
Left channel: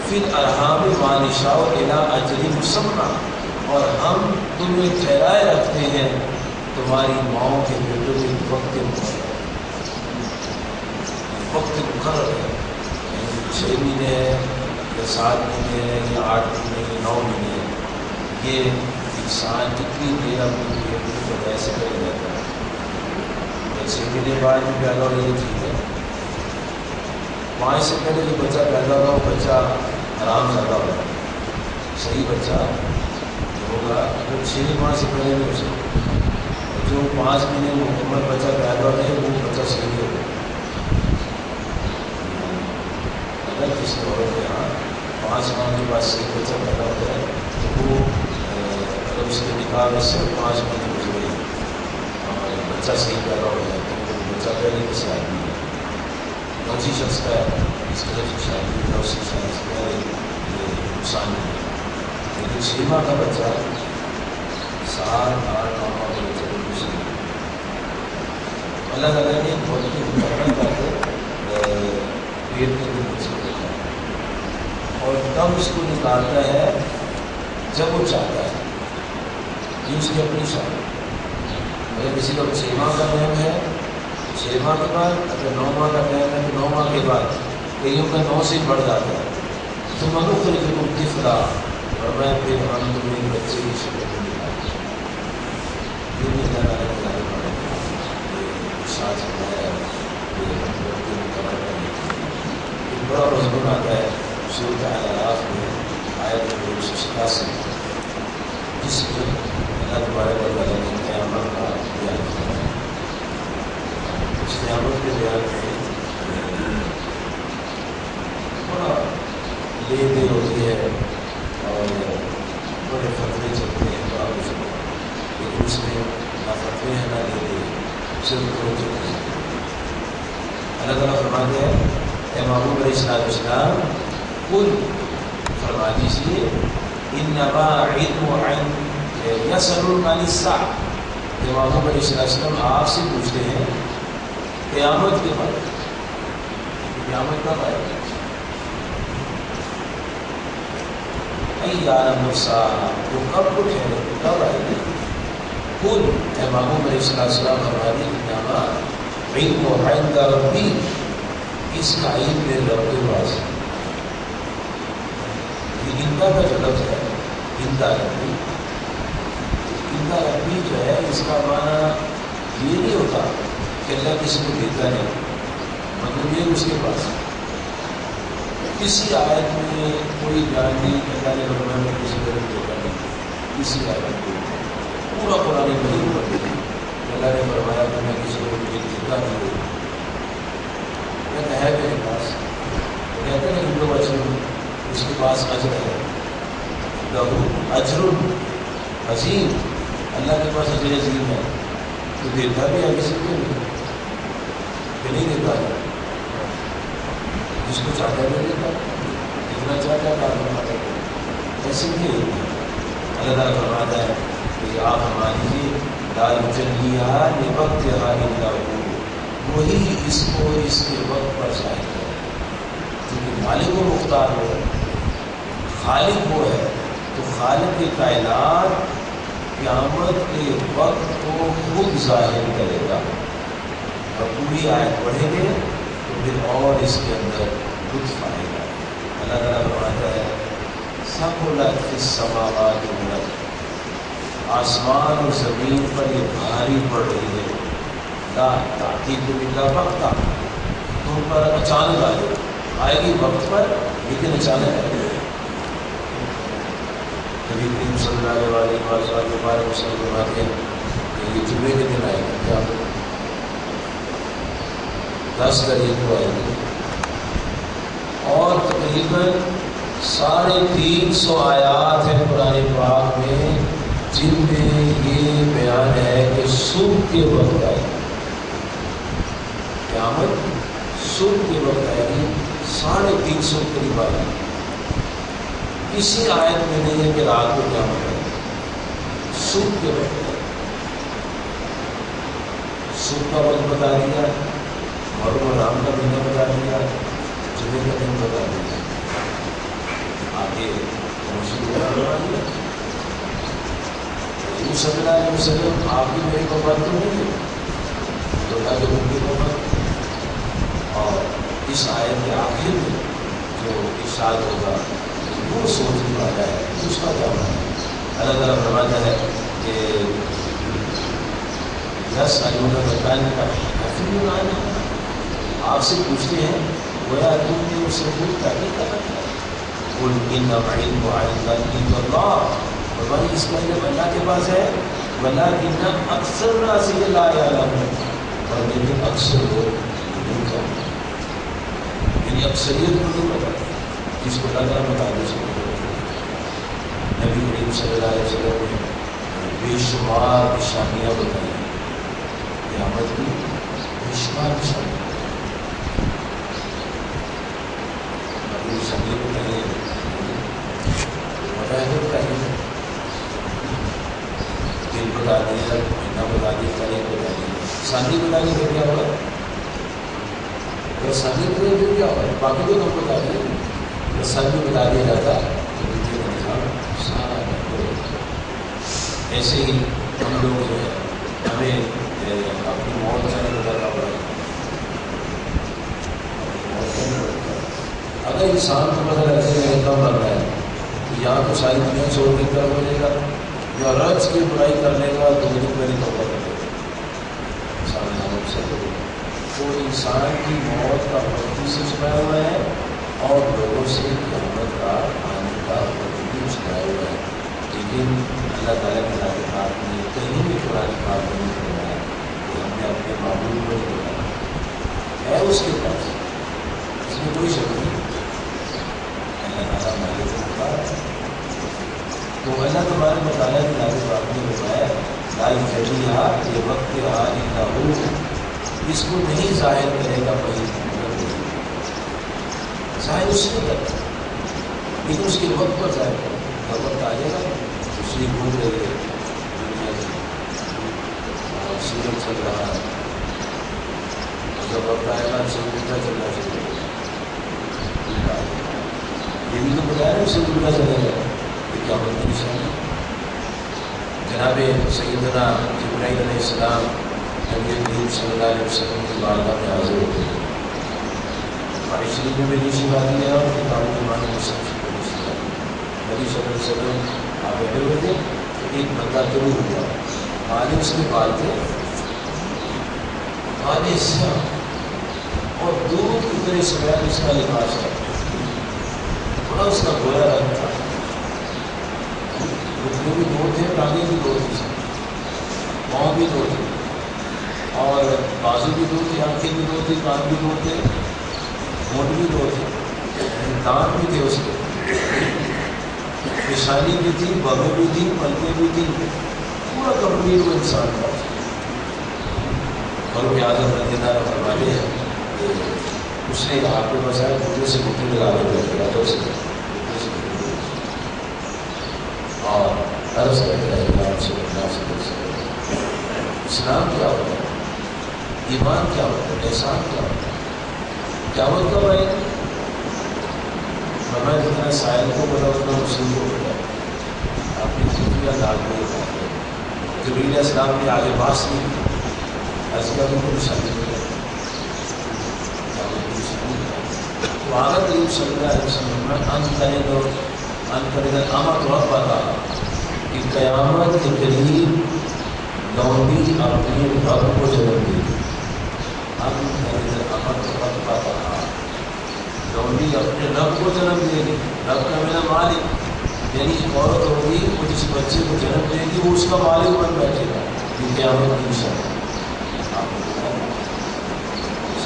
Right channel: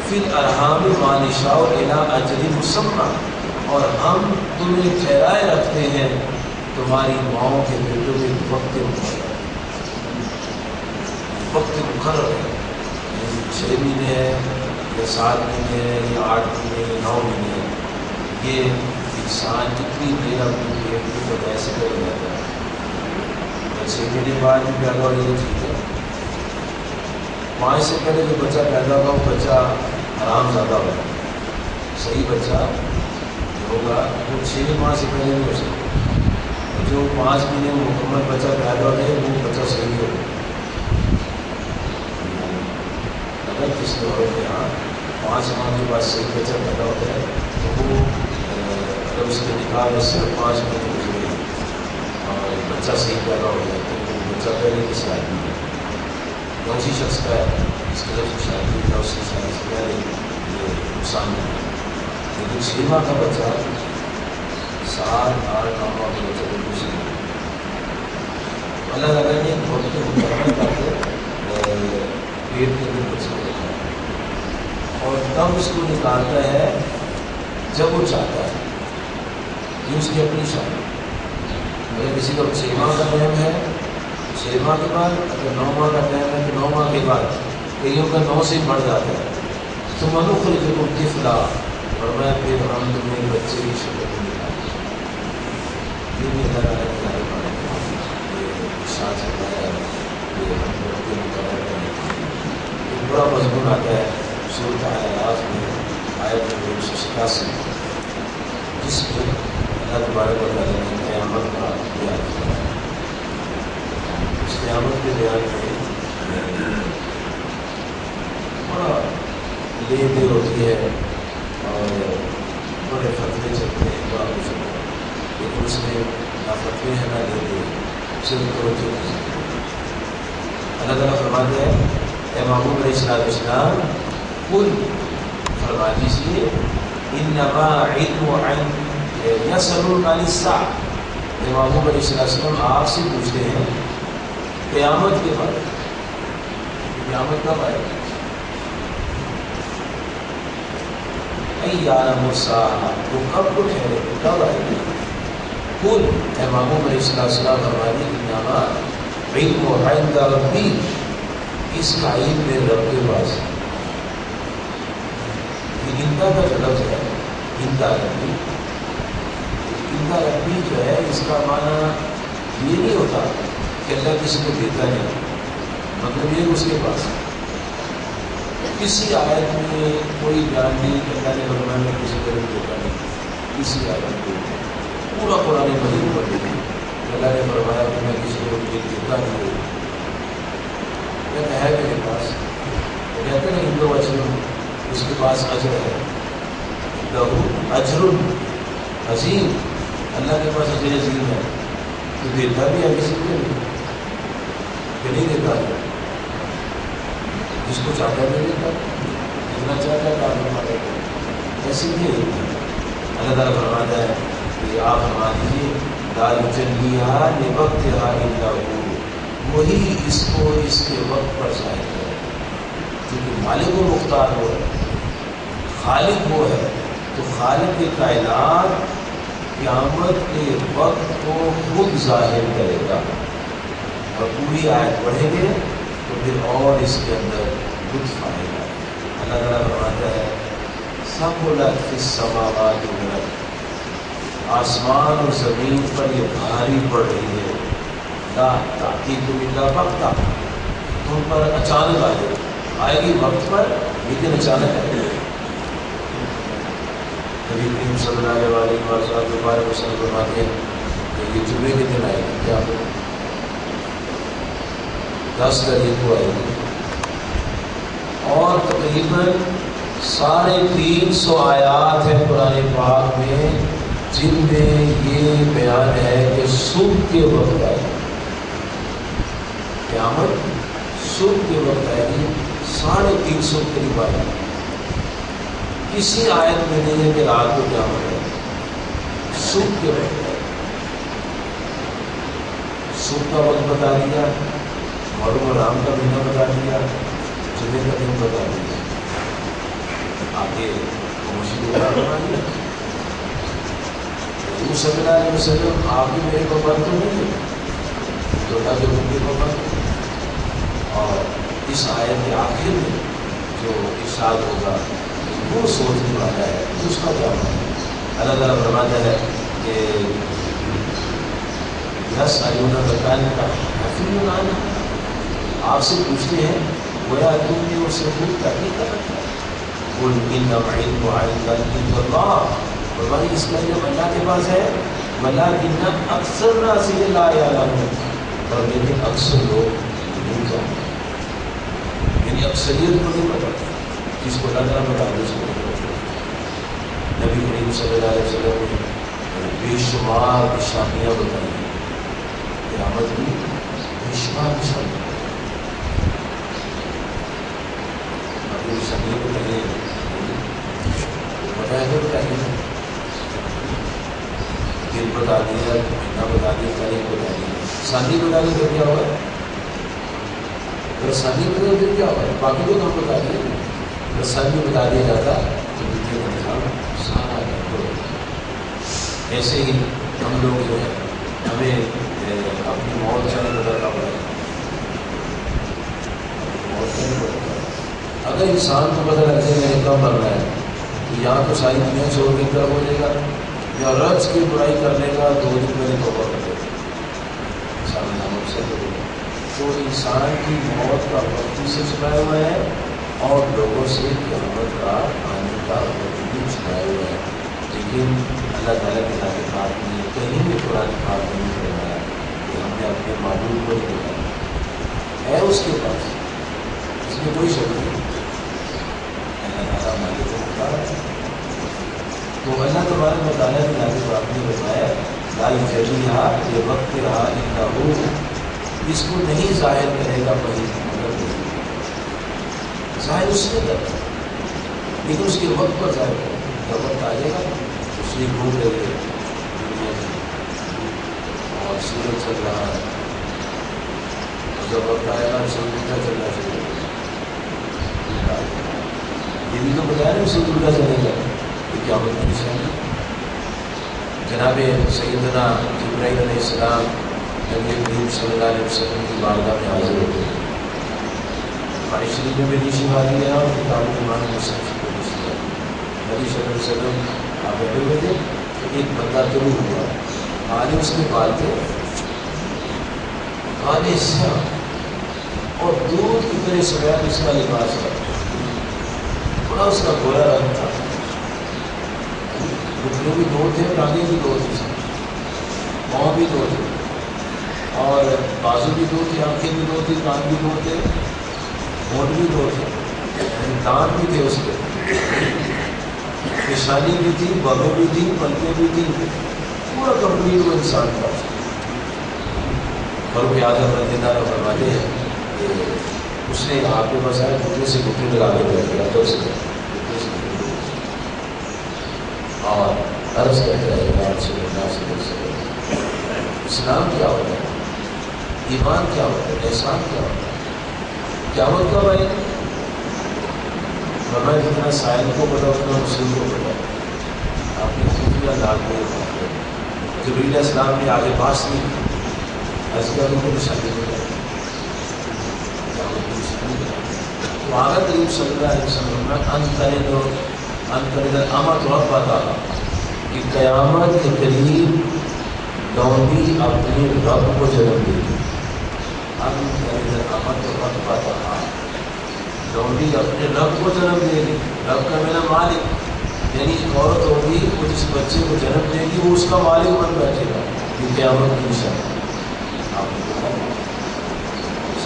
فِي الْأَرْحَامِ مَا نَشَاءُ إِلَىٰ أَجَلٍ مُّسَمًّى اور ہم تمہیں ٹھہرائے رکھتے ہیں تمہاری ماؤں کے بیٹوں میں وقت مقرر ہے 6 مہینے ہے یا 7 مہینے ہے یا 8 مہینے یا 9 مہینے ہے یہ انسان کتنی دیر اپنی بیٹوں کو ویسے کر جاتا ہے 6 مہینے بعد بھی پیدا ہو یہ ٹھیک ہے 5 سے پہلے جو بچہ پیدا ہوگا وہ بچہ آرام زیادہ ہوگا صحیح بچہ ہوگا وہ 6 ماہ سے پہلے نہیں ہو سکتا جو 5 مہینے مکمل بچہ پیدا ہو جائے وہ بچہ صحیح ہوگا اگر کس دوروں کے یہاں 5 ماہ کے بعد صحیح بچہ پیدا ہوتا ہے تو وہ اگر اس کے نکاح میں صرف 5 مہینے گزرے اور بچہ صحیح پیدا ہو جائے تو وہ بچہ پہلے کس آدمی ہے کون سی شخص کا ہے اس کی طرف سے شادی ہوگا اس کی شادی سے پہلے یہ نقصان ہے لیکن 6 ماہ کا بچہ 7 8 9 ماہ کا بچہ بالکل صحیح ہے اللہ تعالیٰ نے بہت ہی پیٹ کے اندر بچے کو رکھا اور تب اس کو نکالتا ہے جب وہ چاہتا ہے یہ اس کی اپنی شادی اگر کسی کا 6 ماہ کا ٹائم ہے 6 ماہ کے بعد اگر 9 ماہ کا ٹائم ہے تو 9 ماہ کے بعد کئیوں کا 9 سے ہی بڑھ جاتا ہے تو منوخرجکم طفلا اور میں پھر ہم تمہیں بچے کی شکل میں نکالتے یہ بھی اللہ تعالیٰ کے بارے میں ساتھ سمایا ہے یہ ہم بڑھتے مقرر کریں ایک بڑا مضمون آتا ہے سورۃ الاعراف میں آیت نمبر 187 جس میں اللہ تبارک و تعالیٰ نے قیامت کا بیان کیا ہے اس قیامت کے بیان میں بڑا لے دے ہوتی ہے اور بڑے فتوے چلتے ہیں بڑا کچھ لیکن اس میں نہ فتوے ہیں نہ لے دے صرف توجہ نہیں اللہ تعالیٰ فرماتے ہیں اے محبوب علیہ السلام قل فرما دیجیے انما علم عند یسألونک عن الساعہ، محبوب علیہ السلام آپ سے پوچھتے ہیں قیامت کے بارے میں، قیامت کب آئے گا؟ ایان مرساہا، وہ کب کو ٹھہرے، کب آئے گی؟ قل، اے محبوب علیہ السلام ہماری انما علم عند ربی، اس کا علم میرے رب کے پاس ہے۔ یہ اندا کا جو لفظ ہے، اندا ربی، اندا ربی جو ہے اس کا معنی یہ نہیں ہوتا کہ اللہ کسی کو دیتا نہیں، مطلب یہ اس کے پاس ہے۔ کسی آیت میں کوئی بیان نہیں کہ اللہ نے فرمایا میں کسی طرح دیتا نہیں، کسی آیت کو پورا قرآن مجید پر دیکھیں کہ اللہ نے فرمایا کہ میں کسی کو دیتا نہیں ہوں، ہے میرے پاس، وہ کہتے ہیں ہندو اجر، اس کے پاس اجر ہے، لہو اجر عظیم، اللہ کے پاس اجر عظیم ہے، تو دیتا بھی ہے کسی کو کہ نہیں دیتا ہے، جس کو چاہتا ہے نہیں دیتا، جتنا چاہتا ہے آپ فرماتا ہے، ایسے نہیں اللہ تعالیٰ فرماتا ہے کہ آپ ہماری لا یجلیہا لوقتہا الا ہو، وہی اس کو اس کے وقت پر ظاہر ہے، کیونکہ مالک و مختار وہ ہے، خالق وہ ہے، تو خالق کائنات قیامت کے وقت کو خود ظاہر کرے گا، اور پوری آیت پڑھیں گے تو پھر اور اس کے اندر لطف آئے گا۔ اللہ تعالیٰ فرماتا ہے ثقلت فی السماوات والارض، آسمان اور زمین پر یہ بھاری پڑ رہی ہے، لا تأتیکم الا بغتہ، تم پر اچانک آئے گی وقت پر، لیکن اچانک آئے گی۔ نبی کریم صلی اللہ علیہ وسلم فرماتے ہیں کہ یہ جمعے کے دن آئے گی، کیا 10 تاریخ کو آئے گی، اور تقریباً 350 آیات ہیں قرآن پاک میں جن میں یہ بیان ہے کہ صبح کے وقت آئے گی، قیامت صبح کے وقت آئے گی، 350 قریب آئے گی۔ کسی آیت میں نہیں ہے کہ رات کو قیامت ہے، صبح کے وقت ہے، صبح کا وقت بتا دیا، محرم و رام کا مہینہ بتا دیا، جمعے کا دن بتا دیا، آگے مسجد بنا دیا۔ صلی اللہ علیہ وسلم آپ بھی میرے کو بات تو نہیں ہے، تو کہ ممکن کو بات، اور اس آیت کے آخر میں جو ارشاد ہوگا وہ سوچنے والا ہے، اس کا کیا معنی ہے؟ اللہ تعالیٰ فرماتا ہے کہ یسألونک کأنک حفی عنہا، آپ سے پوچھتے ہیں گویا تم نے اس سے پوچھ تحقیق کرنا ہے، قل انما علم عند اللہ، فرمایا اس کا علم اللہ کے پاس ہے، ولکن اکثر الناس لا یعلمون، اور لیکن اکثر لوگ نہیں جانتے، یعنی اکثریت کو نہیں پتا، جس کو اللہ تعالیٰ بتا دے اس کو نہیں پتا۔ نبی کریم صلی اللہ علیہ وسلم نے بے شمار نشانیاں بتائی، قیامت کی بے شمار نشانیاں، ابھی نشانیاں بتائیے بتائے گا، بتائیے دن بتا دیا، مہینہ بتا دیا، تاریخ بتا دی، شادی بتا دی پھر کیا ہوگا؟ اگر شادی بتا دی پھر کیا ہوگا؟ باقی تو ہم بتا دیں، اگر شادی بتا دیا جاتا تو دیکھیے نظام سارا ایسے ہی ہم لوگ جو ہے ہمیں اپنی موت سے نہیں گزرنا پڑے گا، اگر انسان کو پتہ لگ جائے گا کم لگ رہا ہے تو یہاں تو ساری دنیا چھوڑ کے طرف ہو جائے گا، یا رج کی برائی کر لے گا 2 دن پہلے توبہ کر لے گا، تو انسان کی موت کا وقت سے چھپایا ہوا ہے، اور لوگوں سے قیامت کا آنے کا وقت بھی چھپایا ہوا ہے، لیکن اللہ تعالیٰ کے تعلقات میں کہیں بھی قرآن پاک نہیں کروایا کہ ہم نے اپنے معبود کو نہیں بتایا ہے، اس کے پاس اس میں کوئی شک نہیں، اللہ تعالیٰ ہمارے کو بتا، تو اللہ تبارک و تعالیٰ کے تعلق آپ نے بتایا لا یجلیہا لوقتہا الا ہو، اس کو نہیں ظاہر کرے گا کوئی، ظاہر اس نے کرتا لیکن اس کے وقت پر ظاہر کرے گا، وقت آ جائے گا اس تشریف گھوم رہی ہے دنیا میں اور سورج چل رہا ہے، جب وقت آئے گا سورج الٹا چلنا چاہیے، یہ بھی تو بتایا نا سورج الٹا چلے گا، یہ کیا ہوتا ہے؟ جناب سیدنا جبرائیل علیہ السلام نبی کریم صلی اللہ علیہ وسلم کی بارگاہ میں حاضر ہوتے ہیں، قرآن شریف میں بھی نیچی بات ہے اور کتابوں کے معنی میں سب سے نیچی بات ہے۔ نبی صلی اللہ علیہ وسلم آپ بیٹھے ہوئے تھے تو ایک بندہ ضرور ہوا، آگے اس کے بال تھے آگے سیاہ اور دودھ کی طرح سفید اس کا لباس تھا، بڑا اس کا گویا رنگ تھا، گھٹنے بھی دو تھے، ٹانگیں بھی دو تھی، پاؤں بھی دو تھے اور بازو بھی دو تھے، آنکھیں بھی دو تھی، کان بھی دو تھے، ہونٹ بھی دو تھے، دانت بھی تھے اس کے، پیشانی بھی تھی، بغل بھی تھی، پلکیں بھی تھی، پورا کمپلیٹ وہ انسان تھا۔ فاروق اعظم رضی اللہ عنہ فرماتے ہیں کہ اس نے آپ کے پاس آئے گھٹنے سے گھٹنے لگا کے بیٹھ گیا تو سے اور عرض کرتا ہے اسلام کیا ہوتا ہے، ایمان کیا ہوتا ہے، احسان کیا ہوتا ہے، قیامت کب آئے گی؟ میں جتنا سائل کو پتا اتنا مسلم کو پتا، آپ نے خفیہ ڈال دیا، جبریل علیہ السلام نے آگے باس نہیں کی، ایسی کا کو نشانی نہیں ہے، قیامت کی نشانی ہے۔ تو آگے قریب صلی اللہ علیہ وسلم میں انقرض الامت ربها کہ قیامت کے قریب لونڈی اپنے رب کو جنم دے گی، انقرض الامت ربها لونڈی اپنے رب کو جنم دے گی، رب کا میرا مالک، یعنی ایک عورت ہوگی وہ جس بچے کو جنم دے گی وہ اس کا مالک بن بیٹھے گا، یہ قیامت کی نشانی ہے۔ آپ نے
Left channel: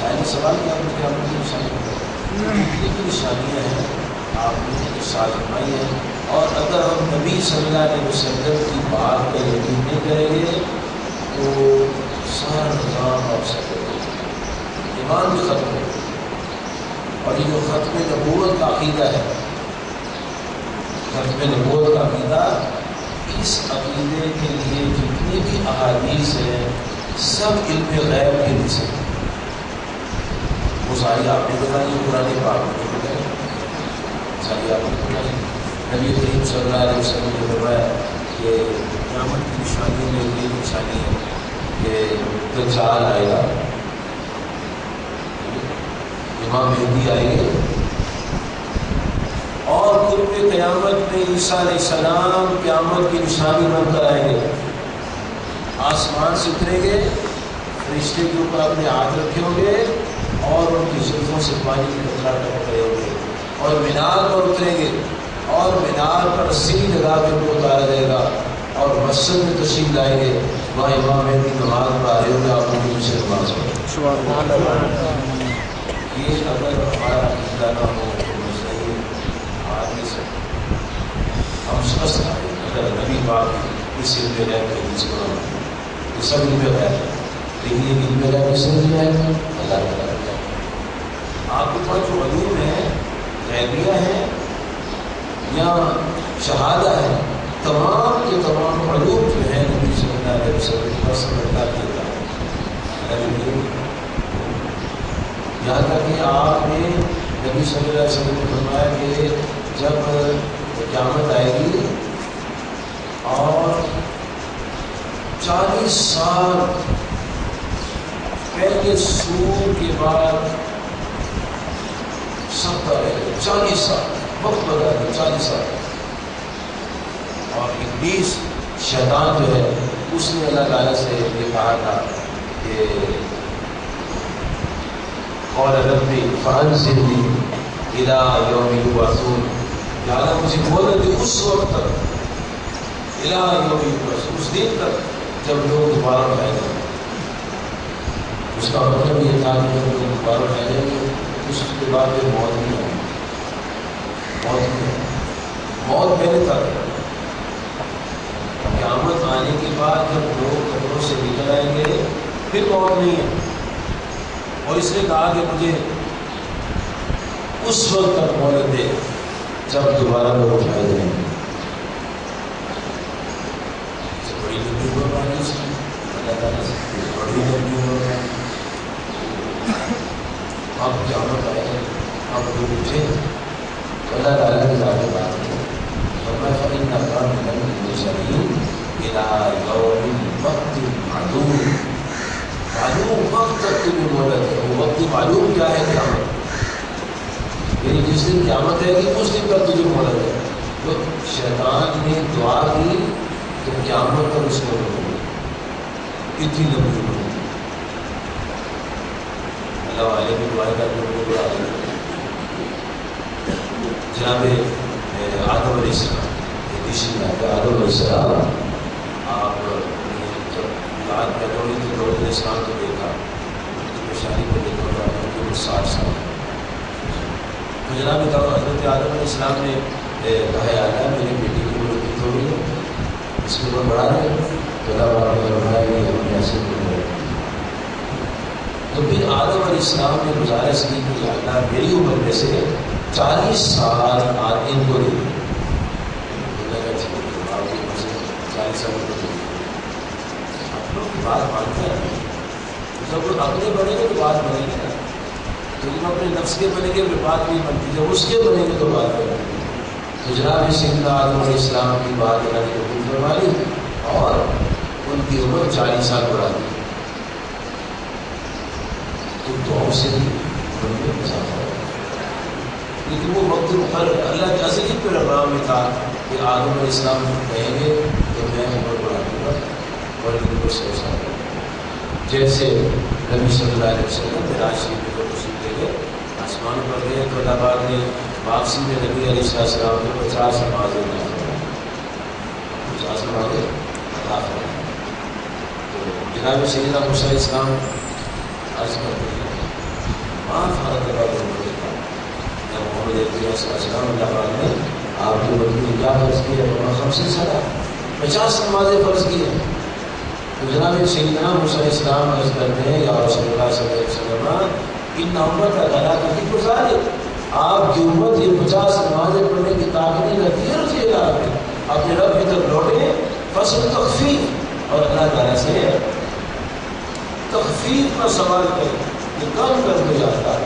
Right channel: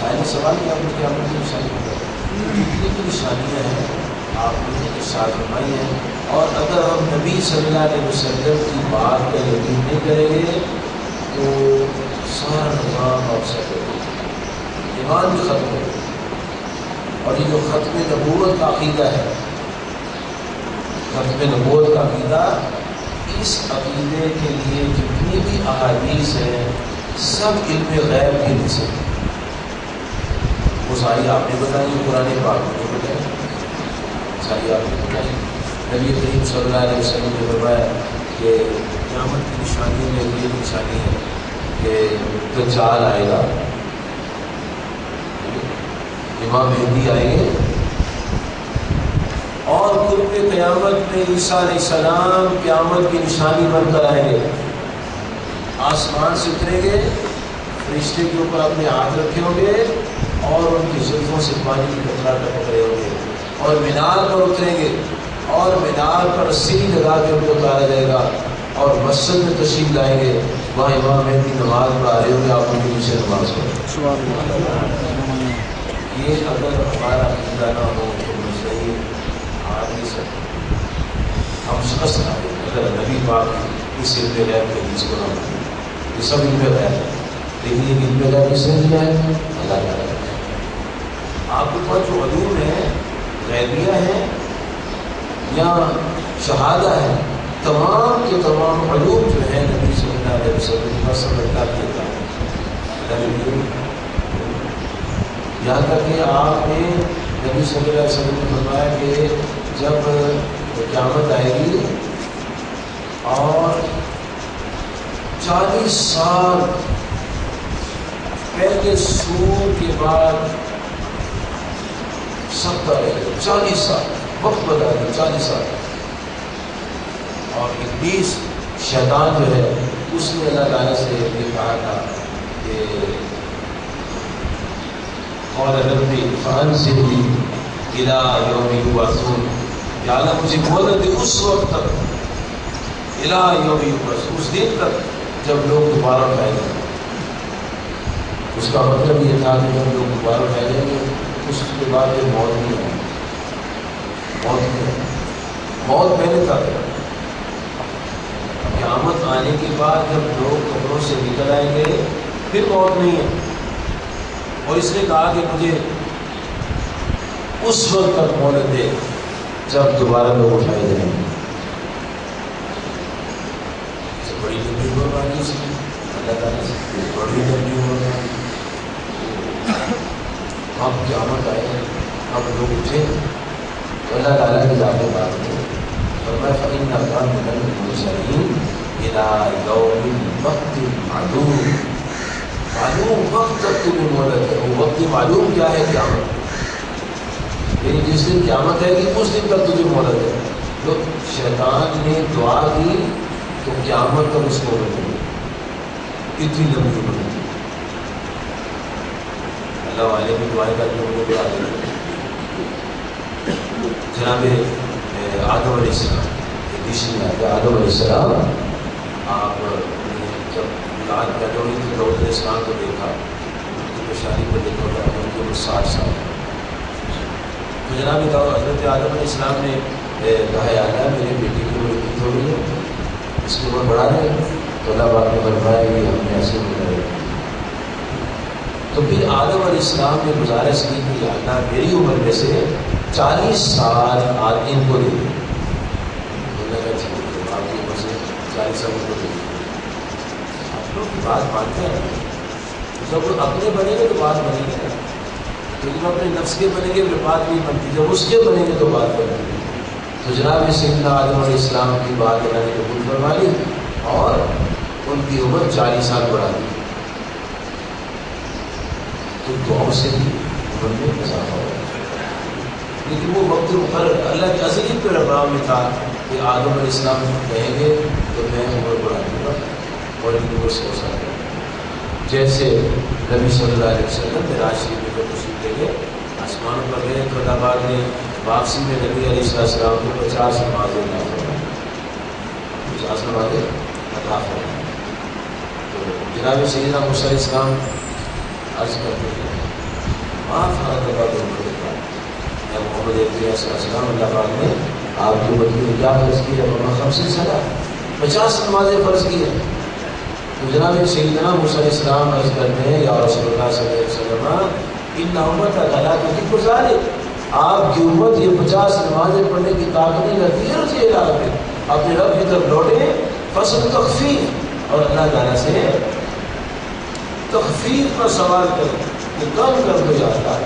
سائنس سوال کیا آپ نے قیامت کی نشانی ہے، جتنی بھی نشانیاں ہیں آپ نے ارشاد فرمائی ہیں، اور اگر ہم نبی صلی اللہ علیہ وسلم کی بات کا یقین نہیں کریں گے تو سارا نظام آپ سے ایمان بھی ختم ہو، اور یہ جو ختم نبوت کا عقیدہ ہے، ختم نبوت کا عقیدہ، اس عقیدے کے لیے جتنی بھی احادیث ہیں سب علم غیب کے حصے ہیں، وہ ساری آپ نے بتائی، قرآن پاک نے بتائی، ساری آپ نے بتائی۔ نبی کریم صلی اللہ علیہ وسلم نے فرمایا کہ قیامت کی نشانی میں یہ نشانی ہے کہ دجال آئے گا، امام مہدی آئیں گے، اور قرب قیامت میں عیسیٰ علیہ السلام قیامت کی نشانی بن کر آئیں گے، آسمان سے اتریں گے، فرشتے کے اوپر اپنے ہاتھ رکھے ہوں گے اور ان کی زلفوں سے پانی کی قطرہ ٹپک رہے ہوں گے، اور مینار پر اتریں گے اور مینار پر رسی لگا کے ان کو اتارا جائے گا، اور مسجد میں تشریف لائیں گے، وہاں امام مہدی نماز پڑھا رہے ہوں گے، آپ ان کے پیچھے نماز پڑھیں۔ یہ اگر ہمارا عقیدہ نہ ہو تو صحیح آ نہیں سکتے، ہم شخص آئے اگر نبی پاک اس علم غیب کے بیچ کو نہ ہو، یہ سب علم غیب ہے، لیکن یہ علم غیب کس نے دیا ہے؟ اللہ تعالیٰ نے۔ آپ کے پاس جو علوم ہیں، غیبیہ ہیں یا شہادہ ہے، تمام کے تمام علوم جو ہیں نبی صلی اللہ علیہ وسلم کے پاس سمجھتا دیتا ہے، یہاں تک کہ آپ نے نبی صلی اللہ علیہ وسلم نے فرمایا کہ جب قیامت آئے گی اور 40 سال پہلے سور کے بعد سب کا رہے گا، 40 سال وقت بدلا گیا، 40 سال، اور ابلیس شیطان جو ہے اس نے اللہ تعالیٰ سے یہ کہا تھا کہ قال ربی فانظرنی الی یوم یبعثون، یا اللہ مجھے مہلت دے اس وقت تک، الی یوم یبعثون، اس دن تک جب لوگ دوبارہ اٹھائے جائیں گے۔ اس کا مطلب یہ تھا کہ جب لوگ دوبارہ اٹھائے جائیں گے اس کے بعد پھر موت نہیں ہوگی، موت پہلے تک ہے، قیامت آنے کے بعد جب لوگ قبروں سے نکل آئیں گے پھر موت نہیں ہے، اور اس نے کہا کہ مجھے اس وقت تک مہلت دے جب دوبارہ لوگ اٹھائے جائیں گے۔ لمبی عمر مانگی اس کی اللہ تعالیٰ سے، بڑی لمبی عمر مانگی. اب قیامت آئے گی، اب لوگ اٹھے تو اللہ تعالیٰ کی ذات بات ہے. فرمایا فإنک من المرسلین الی یوم وقت معلوم. معلوم وقت تک تمہیں مہلت ہے. وہ وقت معلوم کیا ہے؟ قیامت. یعنی جس دن قیامت ہے کہ اس دن تک تجھے مہلت ہے. تو شیطان نے دعا کی تو قیامت تک اس کو ملی. اتنی لمبی عمر. اللہ والے بھی دعائیں کر کے مجھے بڑھا دیں. جناب آدم علیہ السلام آدم علیہ السلام آپ جب اولاد پیدا ہوئی تو داؤد علیہ السلام کو دیکھا، ان کی پریشانی کو دیکھا تھا، ان کی عمر 60 سال. تو جناب حضرت آدم علیہ السلام نے کہا یا اللہ میری بیٹی کی عمر اتنی تھوڑی ہے، اس کی عمر بڑھا دیں. تو اللہ پاک نے فرمایا کہ ہم نے ایسے کرے. تو پھر آدم علیہ السلام نے گزارش کی کہ یا اللہ میری عمر میں سے 40 سال ان کو دے. اللہ کا ٹھیک ہے، آپ کی عمر سے 40 سال کو دے. آپ لوگ کی بات مانتے ہیں. جب وہ اپنے بنے گے تو بات بنے گی نا. تو جب اپنے نفس کے بنے گے پھر بات نہیں بنتی، جب اس کے بنے گے تو بات بنے گی. تو جناب سیدنا آدم علیہ السلام کی بات اللہ نے قبول فرما لی اور ان کی عمر 40 سال بڑھا دی. تو دعاؤں سے بھی عمر میں اضافہ ہوا. لیکن وہ وقت مقرر اللہ کے ازلی پروگرام میں تھا کہ آدم علیہ السلام کہیں گے تو میں عمر بڑھا دوں گا اور ان کو سو سال. جیسے نبی صلی اللہ علیہ وسلم معراج شریف میں جب تشریف لے گئے آسمان پر گئے تو اللہ پاک نے واپسی میں نبی علیہ السلام کو 50 نمازیں عطا فرمائیں. 50 نمازیں عطا فرمائیں. تو جناب سیدنا موسیٰ علیہ السلام عرض کرتے ہیں معاف حالت بعد دیکھا جب محمد علیہ السلام اللہ پاک نے آپ کی بدلی میں کیا فرض کیا؟ 50 سالہ 50 نمازیں فرض کی ہیں. تو جناب سیدنا موسیٰ علیہ السلام عرض کرتے ہیں یا رسول اللہ صلی اللہ علیہ وسلم ان امت اللہ کی گزارے آپ کی امت یہ 50 نمازیں پڑھنے کی طاقت نہیں رکھتی ہے. رضی اللہ عنہ اپنے رب کی طرف لوٹے فصل تخفیف اور اللہ تعالیٰ سے تخفیف کا سوال کریں کہ کم کر دو جاتا ہے.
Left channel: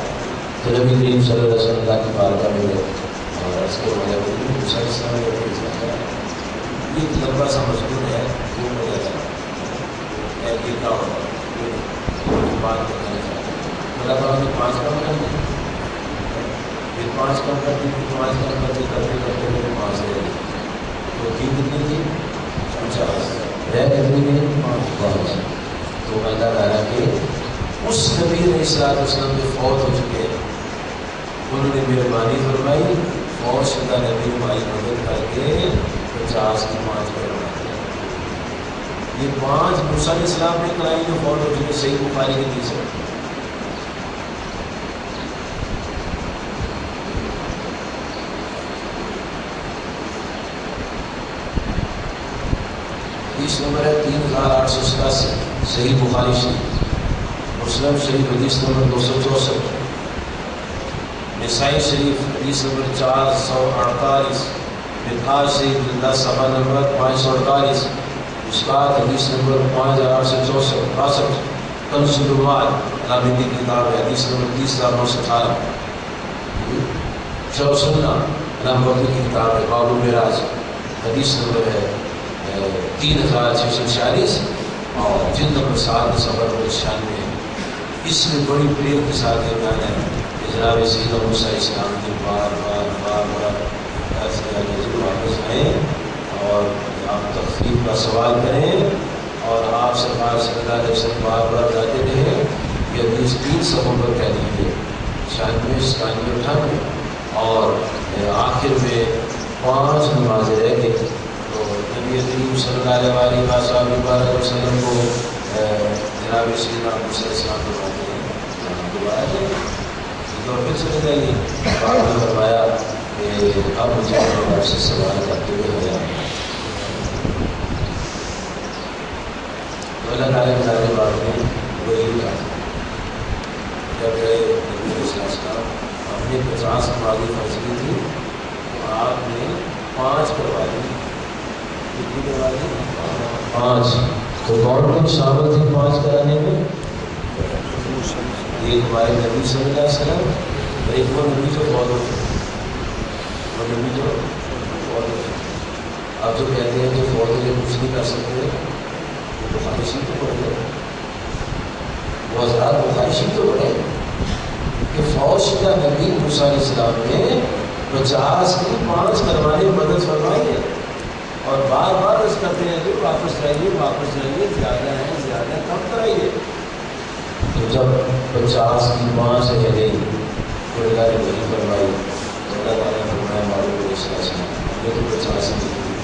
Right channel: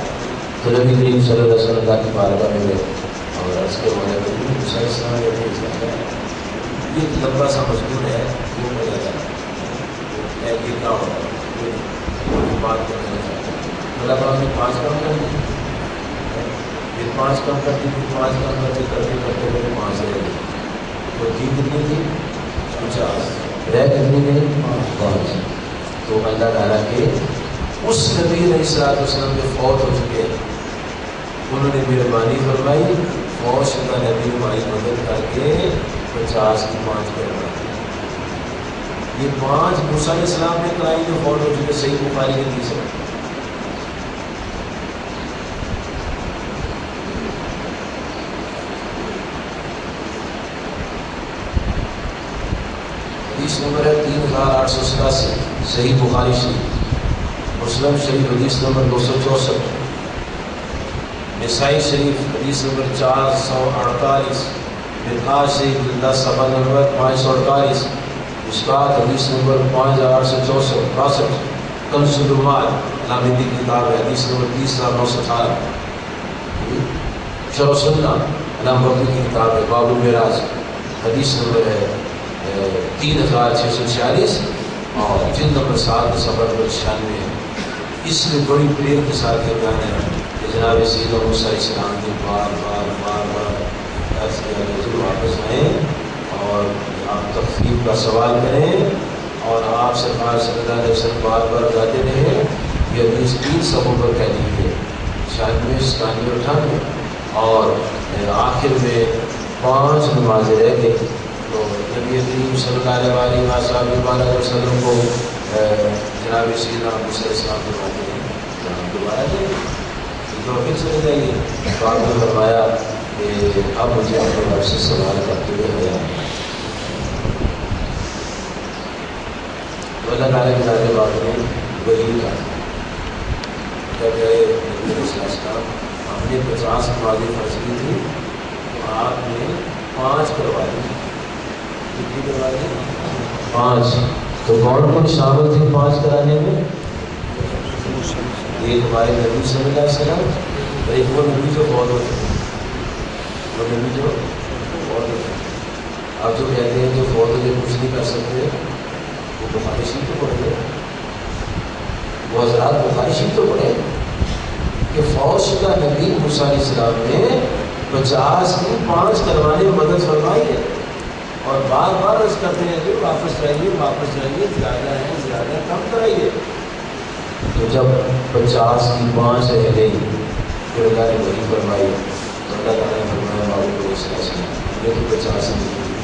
تو نبی کریم صلی اللہ علیہ وسلم کی بارگاہ میں اور اس کے بعد موسیٰ علیہ السلام یہ لمبا سا مضمون ہے وہ مجھے ہے کتنا ہوگا بات کرنا چاہتا ہوں. اللہ پاک نے 5 کم کر دی، پھر 5 کم کر دی، پھر 5 کم کرتے کرتے کرتے میرے 5 رہ گئی. تو کی کتنی تھی؟ 50. رہ کتنی گئی؟ 5. تو اللہ تعالیٰ کے اس نبی علیہ السلام جو فوت ہو چکے انہوں نے مہربانی فرمائی فوت شدہ نبی ہماری مدد کر کے 50 کی 5 کروائی. یہ 5 موسیٰ علیہ السلام نے کرائی جو فوت ہو چکے. صحیح بخاری کی حدیث ہے. حدیث نمبر ہے 3887 صحیح بخاری شریف. مسلم شریف حدیث نمبر 264. نسائی شریف حدیث نمبر 448. بخاری شریف 10 صفحہ نمبر 548. مشکات حدیث نمبر 5864. کنز العلوم علامتی کی کتاب ہے حدیث نمبر 30918. شرح سنہ علامتی کی کتاب ہے باب المعراج حدیث نمبر ہے 3646 اور جلد نمبر 7 صفحہ نمبر 96. اس میں بڑی پریر کے ساتھ یہ بیان ہے کہ جناب سیدنا موسیٰ علیہ السلام نے بار واپس آئیں اور آپ تخفیف کا سوال کریں اور آپ سرکار صلی اللہ علیہ وسلم بار بار جاتے رہے. یہ حدیث 3 صفحوں پر کہہ دیجیے 96 97 98 اور آخر میں 5 نمازیں رہ گئی. تو نبی کریم صلی اللہ علیہ وسلم کو جناب سیدنا موسیٰ علیہ السلام فرماتے ہیں دوبارہ تو پھر چلے جائیے. تو آپ نے فرمایا کہ اب مجھے اپنے رب سے سوال کرتے ہوئے ہو جائے. تو اللہ تعالیٰ کے ذات بات میں وہی کہا جب گئے نبی علیہ السلام ہم نے 50 نمازیں فرض کی تھی تو آپ نے 5 کروا دی. کتنی کروا دی؟ 5 تو کون کون شامل تھے 5 کرانے میں؟ ایک ہمارے نبی صلی اللہ علیہ وسلم اور ایک وہ نبی جو فوت ہو چکے، وہ نبی جو فوت ہو چکے۔ آپ جو کہتے ہیں جو فوت ہو کچھ نہیں کر سکتے، وہ بخاری شریف تو پڑھے، وہ حضرات بخاری شریف تو پڑھے کہ فوت شدہ نبی موسیٰ علیہ السلام نے 50 کی 5 کروانے میں مدد فرمائی ہے، اور بار بار اس کرتے ہیں کہ واپس جائیے، زیادہ ہے کم کرائیے۔ تو جب 50 کی 5 رہ گئی تو اللہ نے وہی فرمائی، تو اللہ تعالیٰ نے فرمایا معروف علیہ السلام یہ تو 50 کی تھی،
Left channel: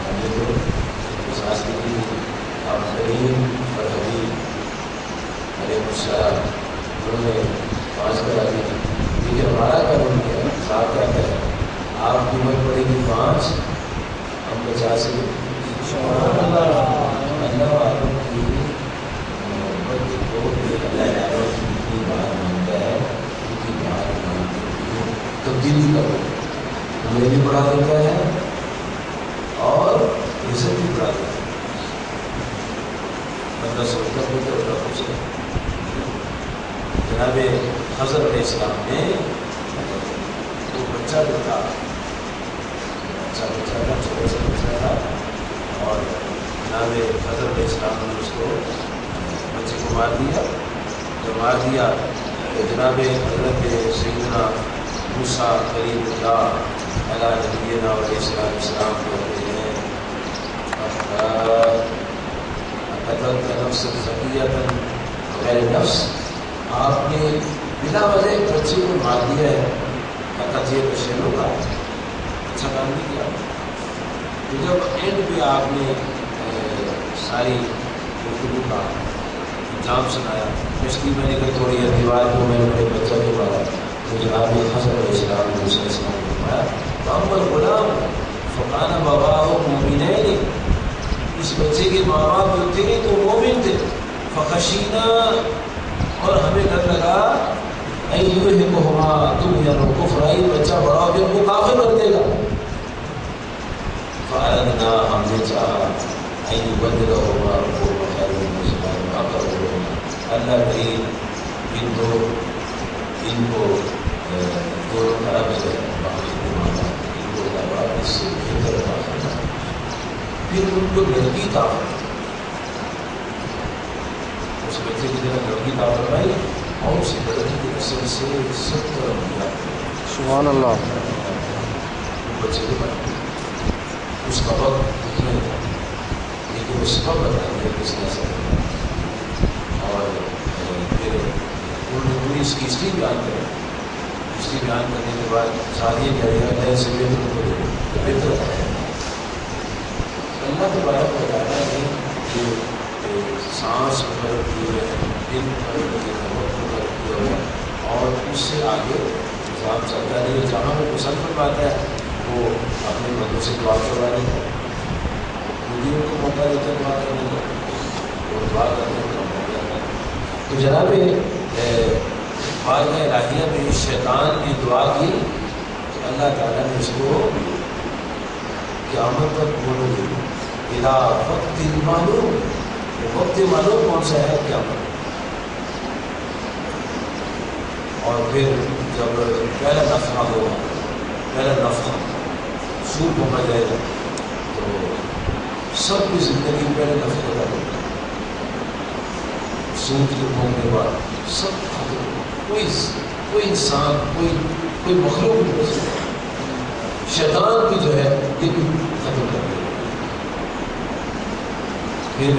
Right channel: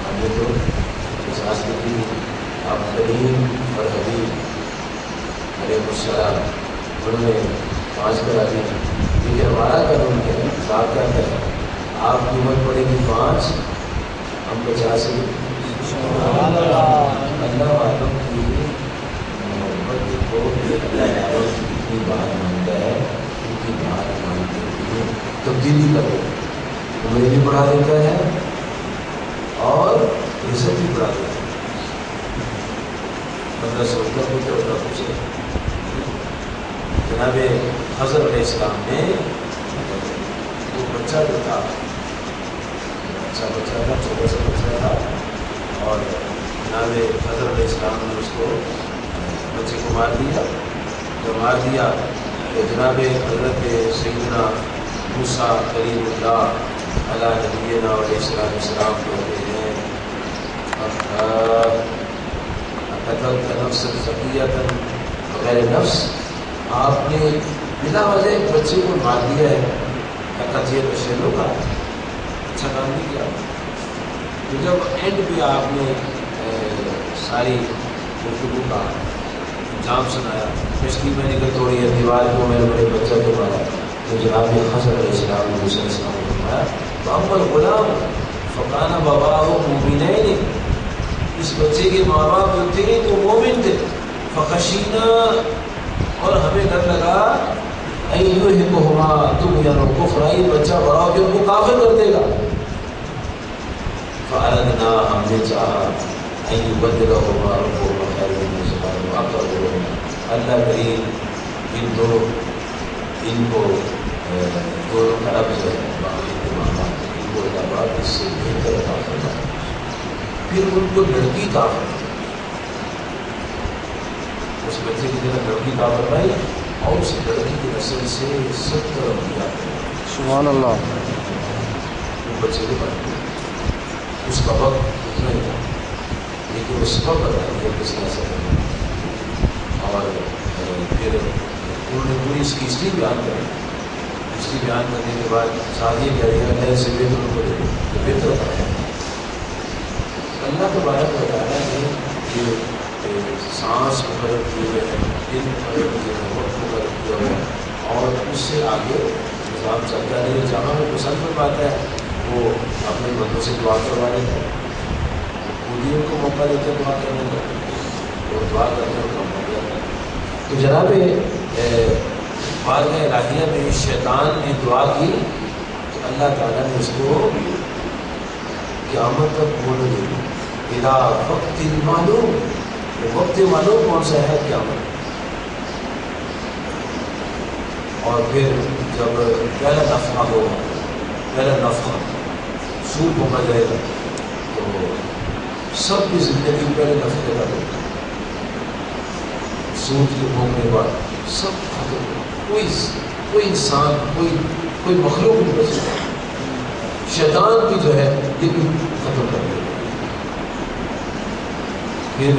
ہم نے تو 50 کی تھی، آپ کریم اور حبیب علیہ السلام انہوں نے 5 کرا دی، لیکن ہمارا قانون کیا ہے، صاحب کیا کریں، آپ کی عمر پڑے گی 5، ہم 50 کی اللہ آدم کی محبت کو اللہ آدم کی اتنی بات مانتا ہے، ان کی بات مانتے ہوئے تبدیلی کرو، عمر بھی بڑھا دیتا ہے اور عزت بھی بڑھا دیتا ہے۔ بندہ سوچتا ہے کہ اللہ کچھ ہے۔ جناب حضرت علیہ السلام نے وہ بچہ جو تھا، بچہ تھا، چھوٹا سا بچہ تھا، اور جناب حضرت علیہ السلام نے اس کو بچے کو مار دیا۔ جب مار دیا تو جناب حضرت سیدنا موسیٰ کلیم اللہ علیہ نبینا علیہ السلام کہتے ہیں قتلت نفسا زکیۃ بغیر نفس، آپ نے بلا وجہ ایک بچے کو مار دیا ہے، قتل شہروں کا اچھا کام نہیں کیا۔ تو جب اینڈ پہ آپ نے ساری گفتگو کا انجام سنایا، کشتی میں نکل توڑی ہے، دیوار کو میں نے بڑے بچہ کو مارا، تو جناب حضرت علیہ السلام نے دوسرے السلام کو فرمایا فَأَمَّا الْغُلَامُ فَكَانَ بَوَاهُ مُؤْمِنَيْنِ، اس بچے کے ماں باپ جو تھے تو مومن تھے، فَخَشِينَا، اور ہمیں ڈر لگا أَن يُرْهِقَهُمَا طُغْيَانًا وَكُفْرًا، یہ بچہ بڑا ہو کے ان کو کافر کر دے گا۔ فَأَرَدْنَا، ہم نے چاہا أَن يُبَدِّلَهُمَا رَبُّهُمَا خَيْرًا مِنْهُمَا أَقْرَبُهُمَا، اللہ کریم ان کو دونوں طرف جو ہے باقی مانا ان کو اللہ پاک اس سے بہتر عطا فرمائے۔ پھر ان کو لڑکی عطا فرمائی، اس بچے کی طرح لڑکی عطا فرمائی، اور اس لڑکی کی نسل سے 70 انبیاء، سبحان اللہ، وہ بچے کے بارے اس کا وقت اتنا ہی تھا، لیکن اس وقت بتا دیا کس نے ایسا کرنا۔ اور پھر انہوں نے پوری اس کی ہسٹری بیان کری، ہسٹری بیان کرنے کے بعد ساتھ یہ کہہ دیا نئے سے بہتر کو دے تو بہتر ہے۔ اللہ تبارک و تعالیٰ نے یہ سانس مقرر کیے ہوئے ہیں، دن مقرر کیے ہوئے ہیں، وقت مقرر کیا ہوا ہے، اور اس سے آگے نظام چلتا نہیں ہے۔ جہاں وہ پسند فرماتا ہے وہ اپنے بندوں سے دعا کروانے کا، خود ہی ان کو موقع دیتا ہے دعا کرنے کا، وہ دعا کرنے کا موقع دیتا ہے۔ تو جناب بارگاہ الہیہ میں شیطان نے دعا کی کہ اللہ تعالیٰ نے اس کو قیامت تک بولو گے اِلَىٰ وقت معلوم، وہ وقت معلوم کون سا ہے؟ قیامت۔ اور پھر جب پہلا نفخہ ہوگا، پہلا نفخہ سور پھونکا جائے گا تو سب کی زندگی پہلے نفخے کا ہوگا، سور کے پھونکنے کے بعد سب ختم ہوگا، کوئی انسان کوئی مخلوق نہیں بچ سکتا، شیطان کی جو ہے یہ بھی ختم کر دے گا۔ پھر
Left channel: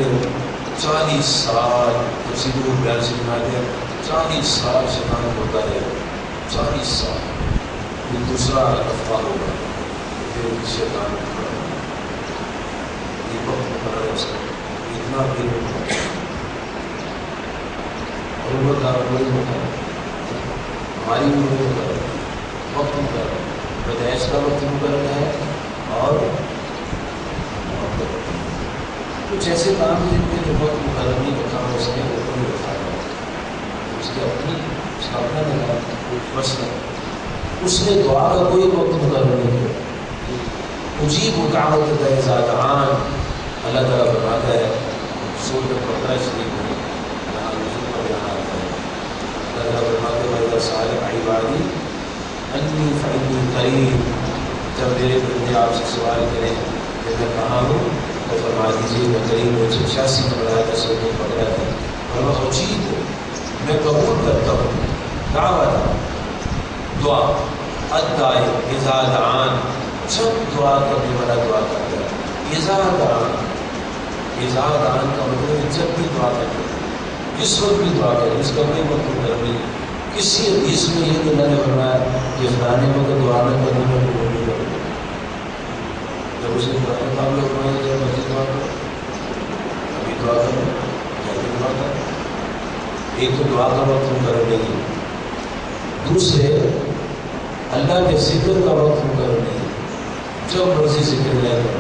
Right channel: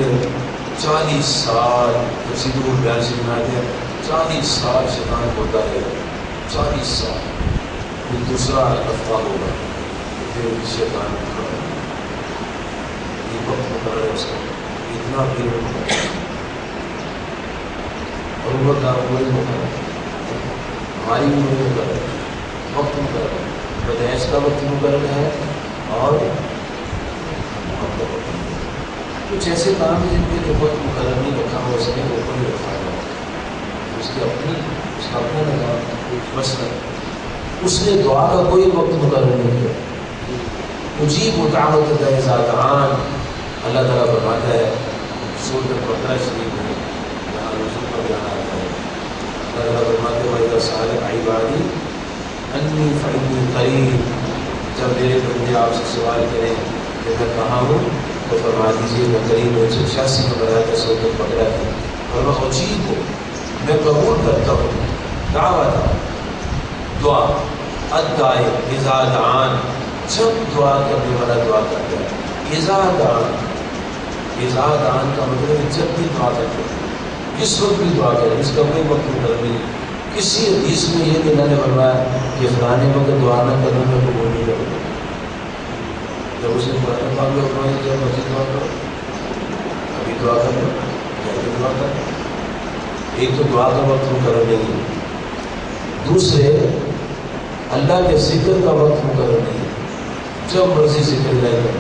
40 سال تفسیر بیان سے بناتے ہیں، 40 سال شیطان ہوتا رہے گا، 40 سال، پھر دوسرا نفخہ ہوگا، پھر شیطان یہ وقت مقرر ہے اس کا، اتنا پھر اور وہ کا کوئی مقرر، ہماری عمر مقرر، وقت مقرر، پیدائش کا وقت مقرر ہے، اور کچھ ایسے کام جن کے جو وقت مقرر نہیں رکھا ہو سکے وہ کوئی رکھا ہے، اس کا اپنا نظام مسئلہ، اس نے دعا کا کوئی وقت مقرر نہیں کیا، اجیب دعوت الداعی اذا دعان. اللہ تعالیٰ فرماتا ہے سورۃ البقرہ شریف میں یہاں رسول کا بیان آتا ہے. اللہ تعالیٰ فرماتے ہیں وَإِذَا سَأَلَكَ عِبَادِي أَنِّي فَإِنِّي قَرِيبٌ. جب میرے بندے آپ سے سوال کریں کہ میں کہاں ہوں تو فرما دیجیے میں قریب ہوں. 186 میں بتایا تھا سورۃ البقرہ تھا. اور میں اجیب ہوں، میں قبول کرتا ہوں دعوت دعا الداعی اذا دعان. جب دعا کرنے والا دعا کرتا ہے. اذا دعان کا مطلب ہے جب بھی دعا کرتے ہیں، کس وقت بھی دعا کریں، اس کا کوئی وقت مقرر نہیں. کسی حدیث میں یہ نہیں نے فرمایا کہ فلانے وقت دعا نہ کرنے میں قبول نہیں کرتے. جب اسے ہم لوگ جب مسجد دعا کرو ابھی دعا کرو جب دعا کرو. ایک تو دعا کا وقت مقرر نہیں ہے، دوسرے اللہ کے ذکر کا وقت مقرر نہیں ہے، جب مرضی ذکر لے لو.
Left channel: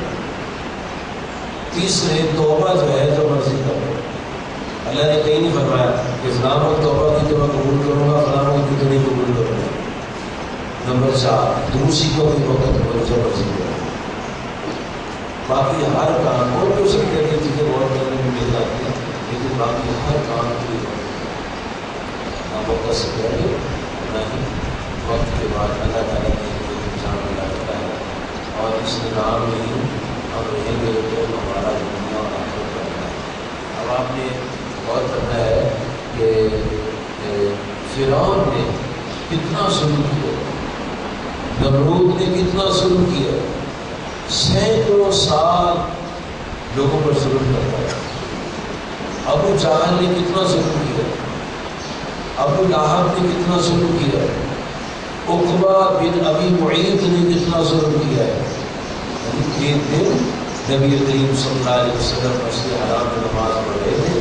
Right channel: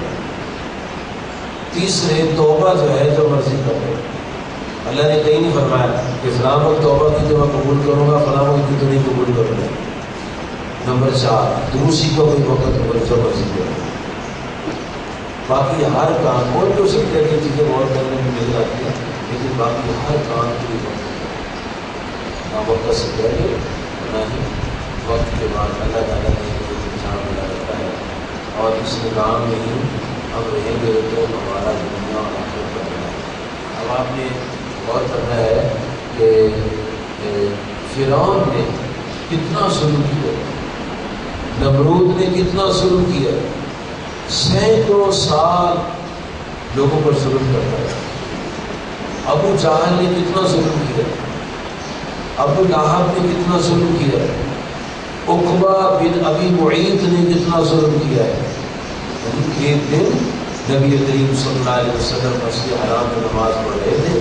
تیسرے توبہ جو ہے جو مرضی کرو. اللہ نے کہیں نہیں فرمایا کہ فلاں وقت توبہ کی تو میں قبول کروں گا، فلاں وقت کی تو نہیں قبول کروں گا. نمبر 4 دوسری کا کوئی وقت جو مرضی کرو. باقی ہر کام اور بھی ہو سکتے ہیں کہ چیزیں غور کرنے میں مل جاتی ہیں، لیکن باقی ہر کام کی نہ وقت سے پہلے نہ ہی وقت کے بعد اللہ تعالیٰ نے ایک انسان بنا رکھا ہے. اور اس نظام میں ہی ہم رہیں گے تو ہمارا دنیا اور آخرت کرنا ہے. اب آپ نے غور کرنا ہے کہ فرعون نے کتنا ظلم کیا، نمرود نے کتنا ظلم کیا. سینکڑوں سال لوگوں پر ظلم کرتا ہے. ابو جہل نے کتنا ظلم کیا، ابو لہب نے کتنا ظلم کیا، عقبہ بن ابی معیط نے کتنا ظلم کیا ہے. ایک دن نبی کریم صلی اللہ علیہ وسلم مسجد حرام میں نماز پڑھ رہے تھے.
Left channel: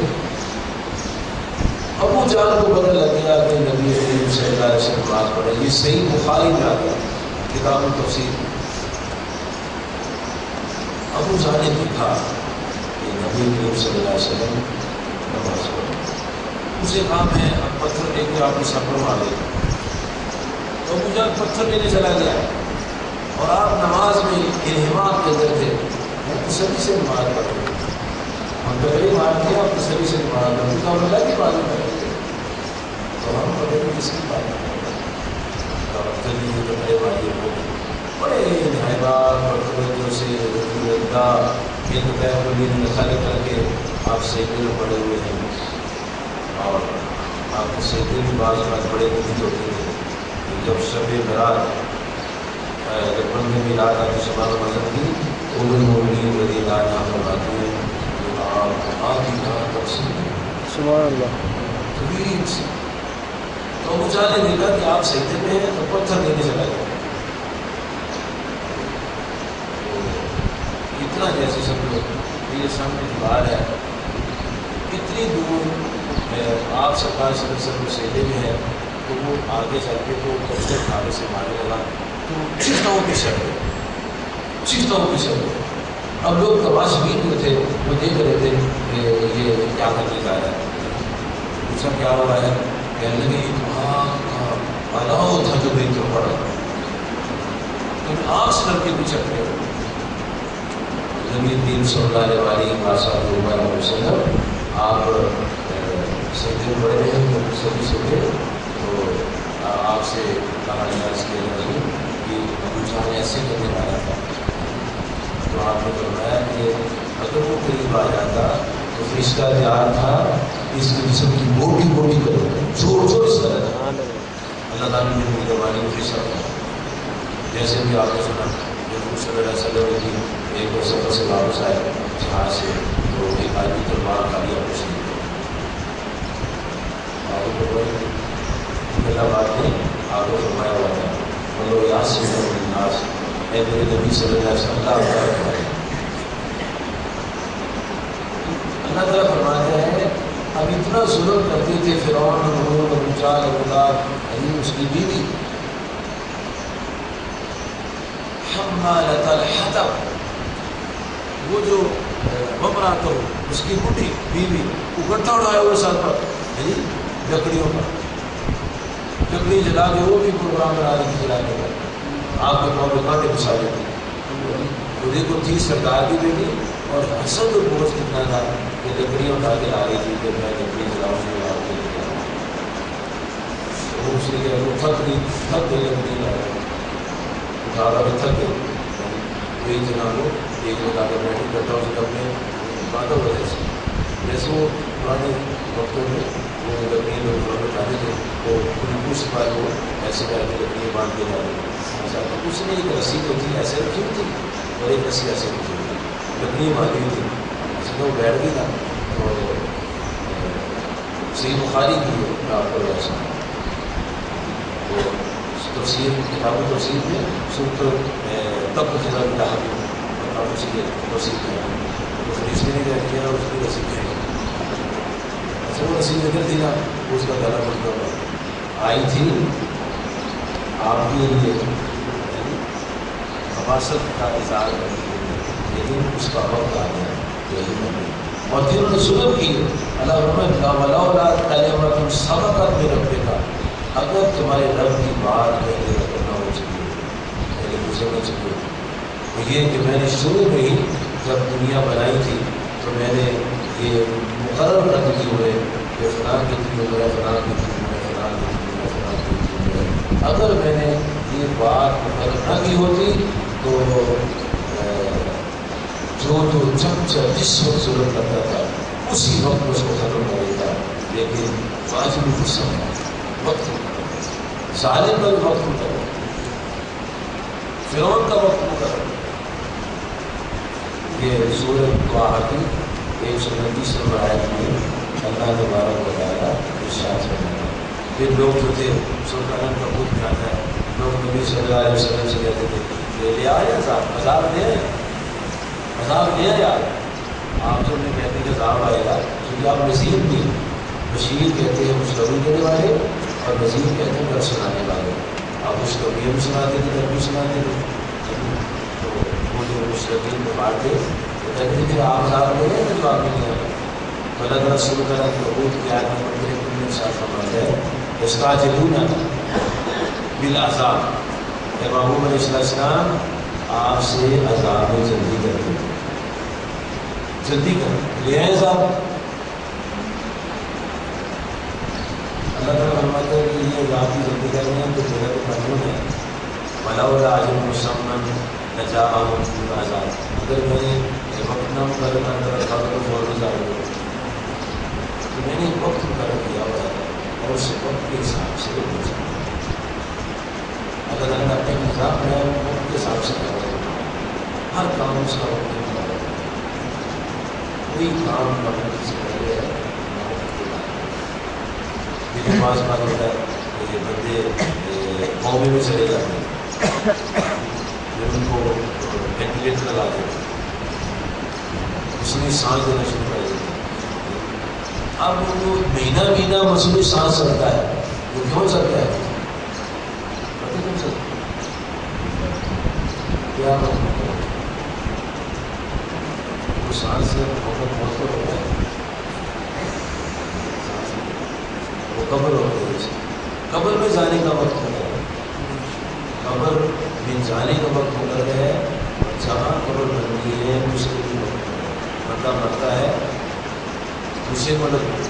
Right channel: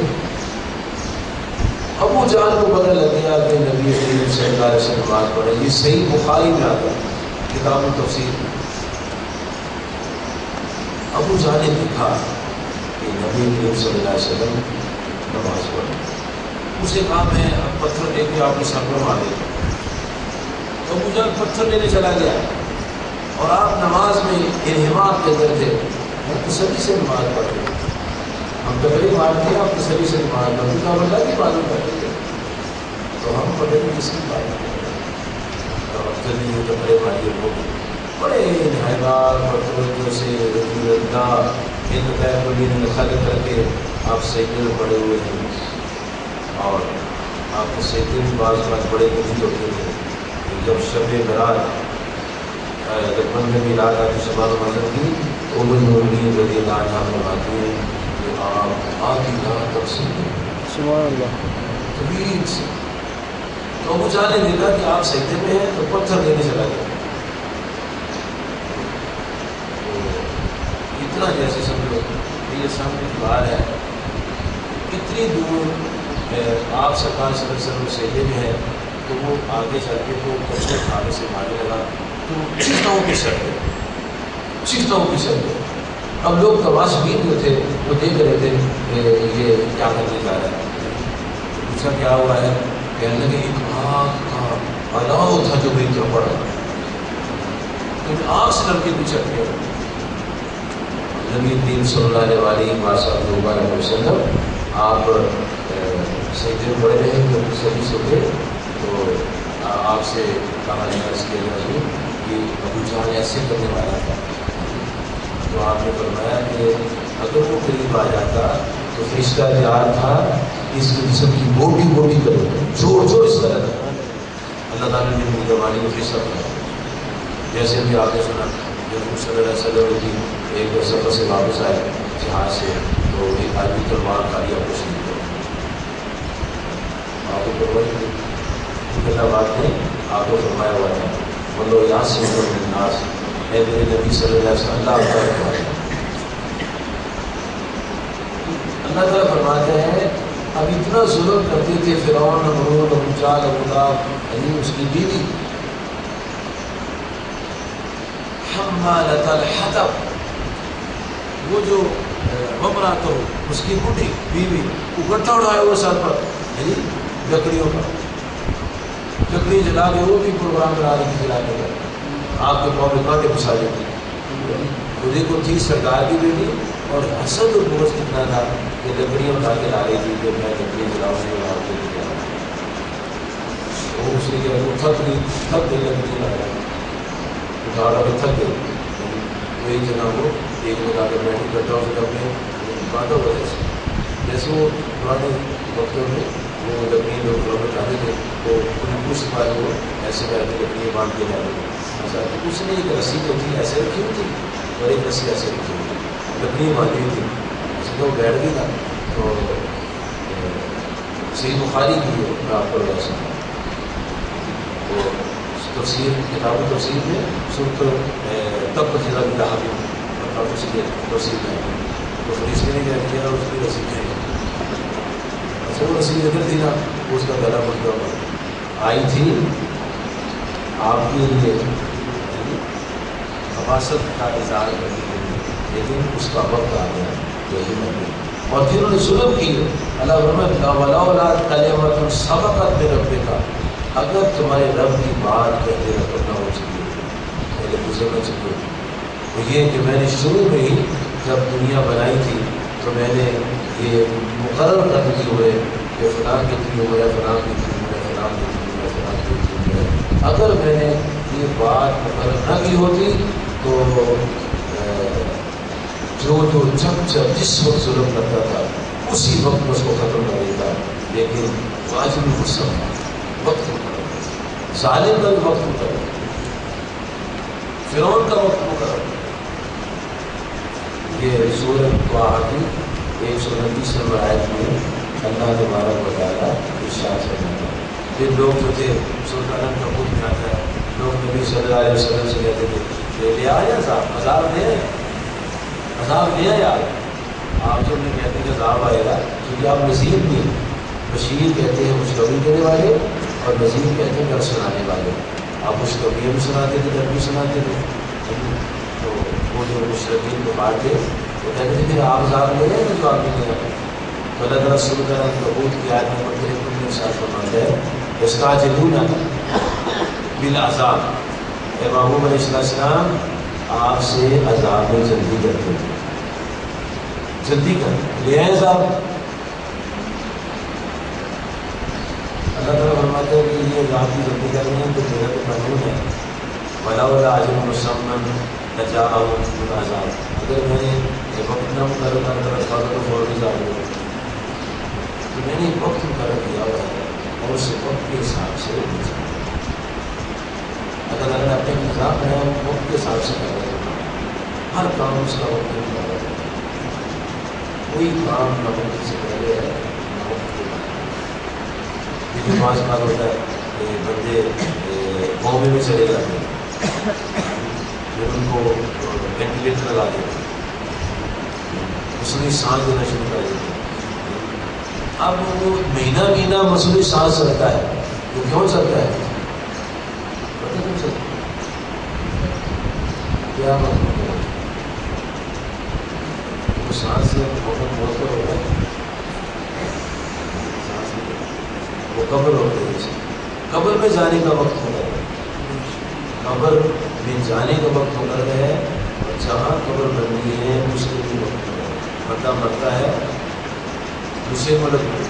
ابو جہل کو پتہ لگ گیا کہ نبی کریم صلی اللہ علیہ وسلم نماز پڑھ رہے. یہ صحیح بخاری میں آتا ہے کتاب التفسیر. ابو جہل نے دیکھا کہ نبی کریم صلی اللہ علیہ وسلم نماز پڑھ رہے. اسے کہا میں اب پتھر لے کے آپ کے سر پر مارے. تو ابو جہل پتھر لینے چلا گیا اور آپ نماز میں انہماک کے اندر تھے. ہم تسلی سے نماز پڑھ رہے، ہم پہلے مارتے ہیں، آپ تسلی سے نماز پڑھتے تو ہم اللہ کی بات کرتے تھے. تو ہم پڑھے تو کس کی بات کرتے ہیں. جلدی کپڑے والے لوگ بڑے انہماک اور توجہ سے رسول اللہ ان خل کر کے آپ سیکل پڑے ہوئے ہیں. اور آپ کے سیکل بھی بعض بات بڑے مفید ہوتے تھے. جب شب برات جب بند میں رات آتی شباب مذہب کی تو المؤمنین رضی اللہ عنہ فرماتے ہیں کہ آپ آدھی رات تک سبحان اللہ طویل سے. تو ابو جہل نے دیکھا کہ آپ سجدے میں ہیں تو پتھر لینے چلا گیا. اتنا جیسے سمجھو یہ سامنے دیوار ہے، اتنی دور آپ سرکار صلی اللہ علیہ وسلم سجدے میں ہے تو وہ آگے چل کے تو پتھر کھانے سے مارنے لگا. تو چیخناؤں کی شکل. اب لوگ تماشبین جو تھے وہ دیکھ رہے تھے کہ یہ کیا کرنے جا رہا ہے. پوچھا کیا ہوا ہے، کہنے لگے ایک آگ کا الاؤ تھا جو بھیتر پڑا، آگ سے ڈر کے پیچھے گیا. نبی کریم صلی اللہ علیہ وسلم آپ سجدے میں پڑے رہے تو سبھی سوچے. تو آپ سے کہا گیا اس کے اندر کہ ابو جہل ایسے کرنے والا تھا. تو آپ نے فرمایا کہ اگر وہ قریب آ جاتا تو فرشتہ تیار تھا اس کے جسم کی موٹی موٹی کرو جوڑ اس طرح تھا. اللہ تعالیٰ نے میری زبانی میں فرشتہ تھا. جیسے بھی آپ نے سنا جب صلی اللہ علیہ وسلم کی ایک سفر سے واپس آئے جہاز سے تو ایک آدمی تلوار کھا لیا کچھ نہیں پہلا بات نہیں آپ کو فرمایا ہوا تھا بولو یہاں سے ناز اے میرے نبی صلی اللہ علیہ وسلم اللہ تعالیٰ فرماتے ہیں اب اتنا ظلم کرتے تھے فرعون نمرود ابو جہل ابو لہب یعنی اس کی بیوی حمالۃ الحطب، وہ جو ومرات ہو اس کی بوڑھی بیوی وہ گٹھا اڑایا ہوا سر پر یعنی لکڑیوں پر، لکڑی جلا کے وہ بھی پروگرام بنا رہی تھی جلا کے آپ کے پاؤں میں کانٹے گھسا دیتی. تو دیکھو تھی سرکار کی بیٹی اور حسد اور بغض کتنا تھا کہ لکڑیاں اٹھا کے لا رہی تھی کہ میں لکڑیاں جلاؤں گی اور آپ کے لیے وہ اس نے کیا وہ تھک گئی لکڑی لا رہا اٹھا کر تھک گئی وہی جناب وہ ایک لگا کے بیٹھی کرتا ہوں سے اپنے بانٹا ہوا جیسے وہ پرانے وقتوں میں وہ لکڑیاں لوگ گھروں میں اٹھاتے تھے وہ ان کو سپاہی وہ ایسے کر کے لکڑیاں باندھ کے جا رہے ایسا اس نے ایک رسی جو تھی ایسے رکھی ہوئی تھی اور ایک رسی ایسے رکھی ہوئی تھی لکڑیاں باندھی ہوئی تھی ایسے تو وہ بیٹھ گئی نا تو صحیح بخاری کی ہے آپ کو ایسا تو تفسیر کتاب تفسیر میں سورت تب جزا بھی کہا اور اس کی توصیف ہے تو حدیث میں نے کہہ دیا اس کی رسی ہے اچھا وہ رسی ذکر تھی نا اس کا گلا بڑھتا ہوا آئی تھی آپ کے لیے حماست کا اظہار کرنے کے لیے لیکن اس کا وقت آ گیا یہی نہیں اور پھر انہوں نے ظلم کی اللہ رحمۃ سبقت میں رب کا اگر تمہارے رب کی بات پہلے رکھنا ہو چکی پہلے گزرنا چاہیے تو یہ کہ میں نے شروع میں ہی جب دنیا بنائی تھی تو میں نے یہ مقرر کر دی ہوئے کہ فلاں کتنی عمر ہے فلاں کتنی عمر ہے فلاں کتنی عمر ہے فلاں کتنی عمر ہے اگر میں نے یہ بات مقرر نہ کی ہوتی تو جو جس وقت ظلم کرتا تھا اسی وقت میں اس کو ختم کر دیتا لیکن واجب غصہ وقت ظالم کا وقت مقرر فرعون کا وقت مقرر یہ سورۃ طٰہٰ کی 129 نمبر آیت میں اللہ نے تبارک و تعالیٰ ارشاد فرمایا پھر لوگ جو تھے سورۃ الانعام کا خود میں آتا ہے لوگ نبی صلی اللہ علیہ وسلم سے کہتے تھے لے آیا عذاب لے آیا آپ جو میں کہتے ہیں کہ عذاب آئے گا کیونکہ آپ نذیر بھی بشیر کہتے ہیں خوشخبری دینے والے اور نذیر کہتے ہیں ڈر سنانے والے آپ خوشخبریاں بھی سناتے تھے ڈر بھی سناتے تھے تو وہ جو مشرقین کو بانٹے وہ کہتے تھے کہ آپ عذاب لے رہے ہیں جو آپ نہیں آئے تو اللہ تعالیٰ شروع کرا بہت کی آیت میں پڑھتے ہیں تم نے ساتھ فرمایا ہے استعجلون بالعذاب اے محبوب علیہ السلام آپ سے عذاب میں جلدی کرتے تھے جلدی کر لے آئے عذاب اللہ تعالیٰ فرماتا ہے کہ یہ عذاب کی جلدی کر رہے ہیں تو میرا تو قانون ہے وَلَوْلَا أَجَلٌ مُّسَمًّى لَجَاءَهُمْ الْعَذَابُ اگر میں نے وقت نہ مقرر کرتا تو فوراً عذاب ہوگا تو میں نے ایک وقت مقرر کیا ہوا ہے اور اس وقت کے حساب سے اگر اللہ نے اپنے نظام بنایا وقت کے حساب سے کر رہے ہیں ہر کام اس کا وقت مقرر ہے کوئی کام نہ وقت سے پہلے ہے نہ وقت کے بعد لیکن بعض بات ہوتا ہے کہ بندے قومے میں چلے جاتے ہیں پھر ان کو وینٹیلیٹر لگا دیتے ہیں مصنوعی سانس دینا شروع کر دیتے ہیں اب وہ مہینہ مصنوعی سانس چلتا ہے وہ کیوں چلتا ہے پتہ کیوں چلتا کیا مطلب وہ سانس سے بہت ہوتا ہے وہ قبر ہوتے ہیں قبر میں جانے کا وقت ہوتا ہے قبر میں جانے کا وقت ہوتا ہے اور جہاں قبر بننی ہے اس کے بھی وقت ہوتا ہے بندہ مرتا ہے دوسرے ملک میں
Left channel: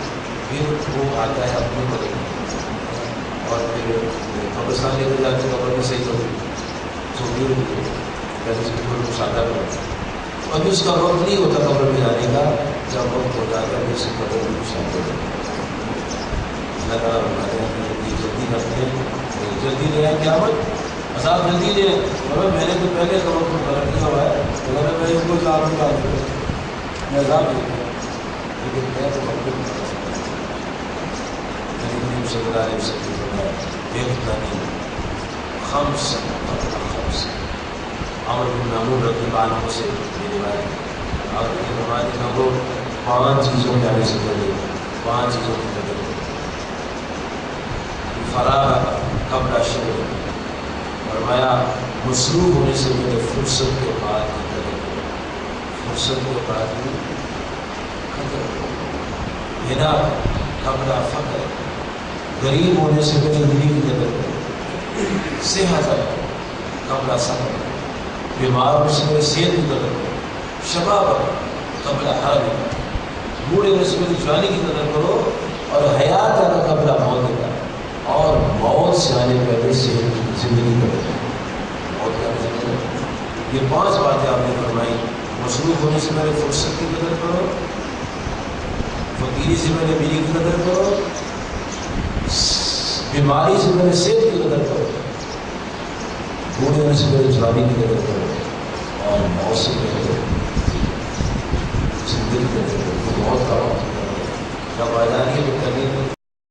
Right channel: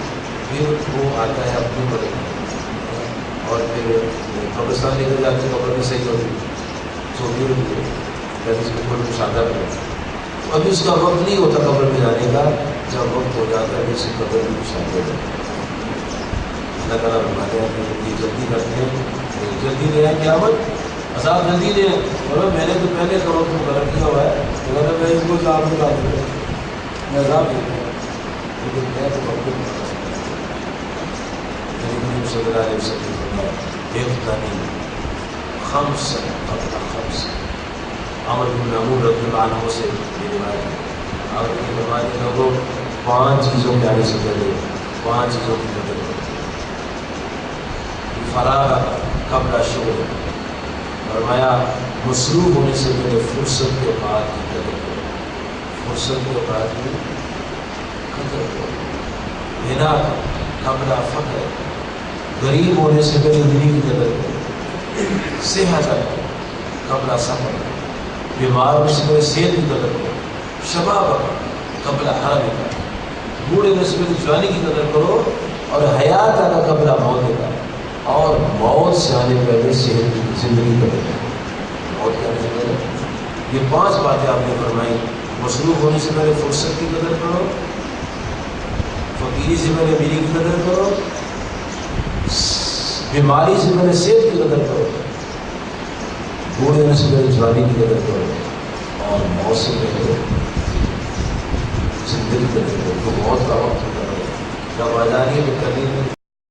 پھر وہ آتا ہے اپنے ملک میں اور پھر قبرستان لے کر جاتے قبر میں صحیح ہوتی چھوٹی ہوتی ہے جیسے اس میں کوئی مشاہدہ کرے ابھی اس کا وقت نہیں ہوتا قبر میں جانے کا جب وقت ہو جاتا ہے اس کی قبر میں مشاہدہ ہو جاتا ہے اللہ تعالیٰ فرماتے ہیں کہ یہ جلدی کرتے ہیں جلدی لے آئے قیامت عذاب جلدی لے اور میں نے تو پہلے کا وقت مقرر کیا ہوا ہے اگر میں اس کو عذاب نکال دوں میں عذاب لے لوں لیکن میں تو وقت نہیں صلی اللہ علیہ وسلم فرمایا بےخدانی خمس قبل خمس عمر بن معمون رضی اللہ عنہ سے یہ روایت اور یہ ہمارے لوگوں 5 چیزوں کے آنے سے پہلے 5 چیزوں کی قدر فراغ قبل شغل فرمایا مصروف ہونے سے پہلے فرصت کے بعد کی قدر کرو فرصت کے بعد کی قدر کرو غنا قبل فقر غریب ہونے سے پہلے غریب کی قدر کرو صحت قبل سفر بیمار ہونے سے پہلے صحت کی قدر کرو، شباب قبل حرم، بوڑھے ہونے سے پہلے جوانی کی قدر کرو، اور حیات آنا قبل موت کا، اور موت سے آنے پہلے صحت کی زندگی قدر کرو، موت کے آنے سے پہلے۔ یہ 5 باتیں آپ نے فرمائی۔ مصروف ہونے سے پہلے فرصت کی قدر کرو، فقیری سے پہلے میری کی قدر کرو، بیماری سے پہلے صحت کی قدر کرو، بوڑھے ہونے سے پہلے جوانی کی قدر کرو، اور موت سے پہلے زندگی کی قدر کرو۔ تو موت کا وقت جب آ جائیں گے تو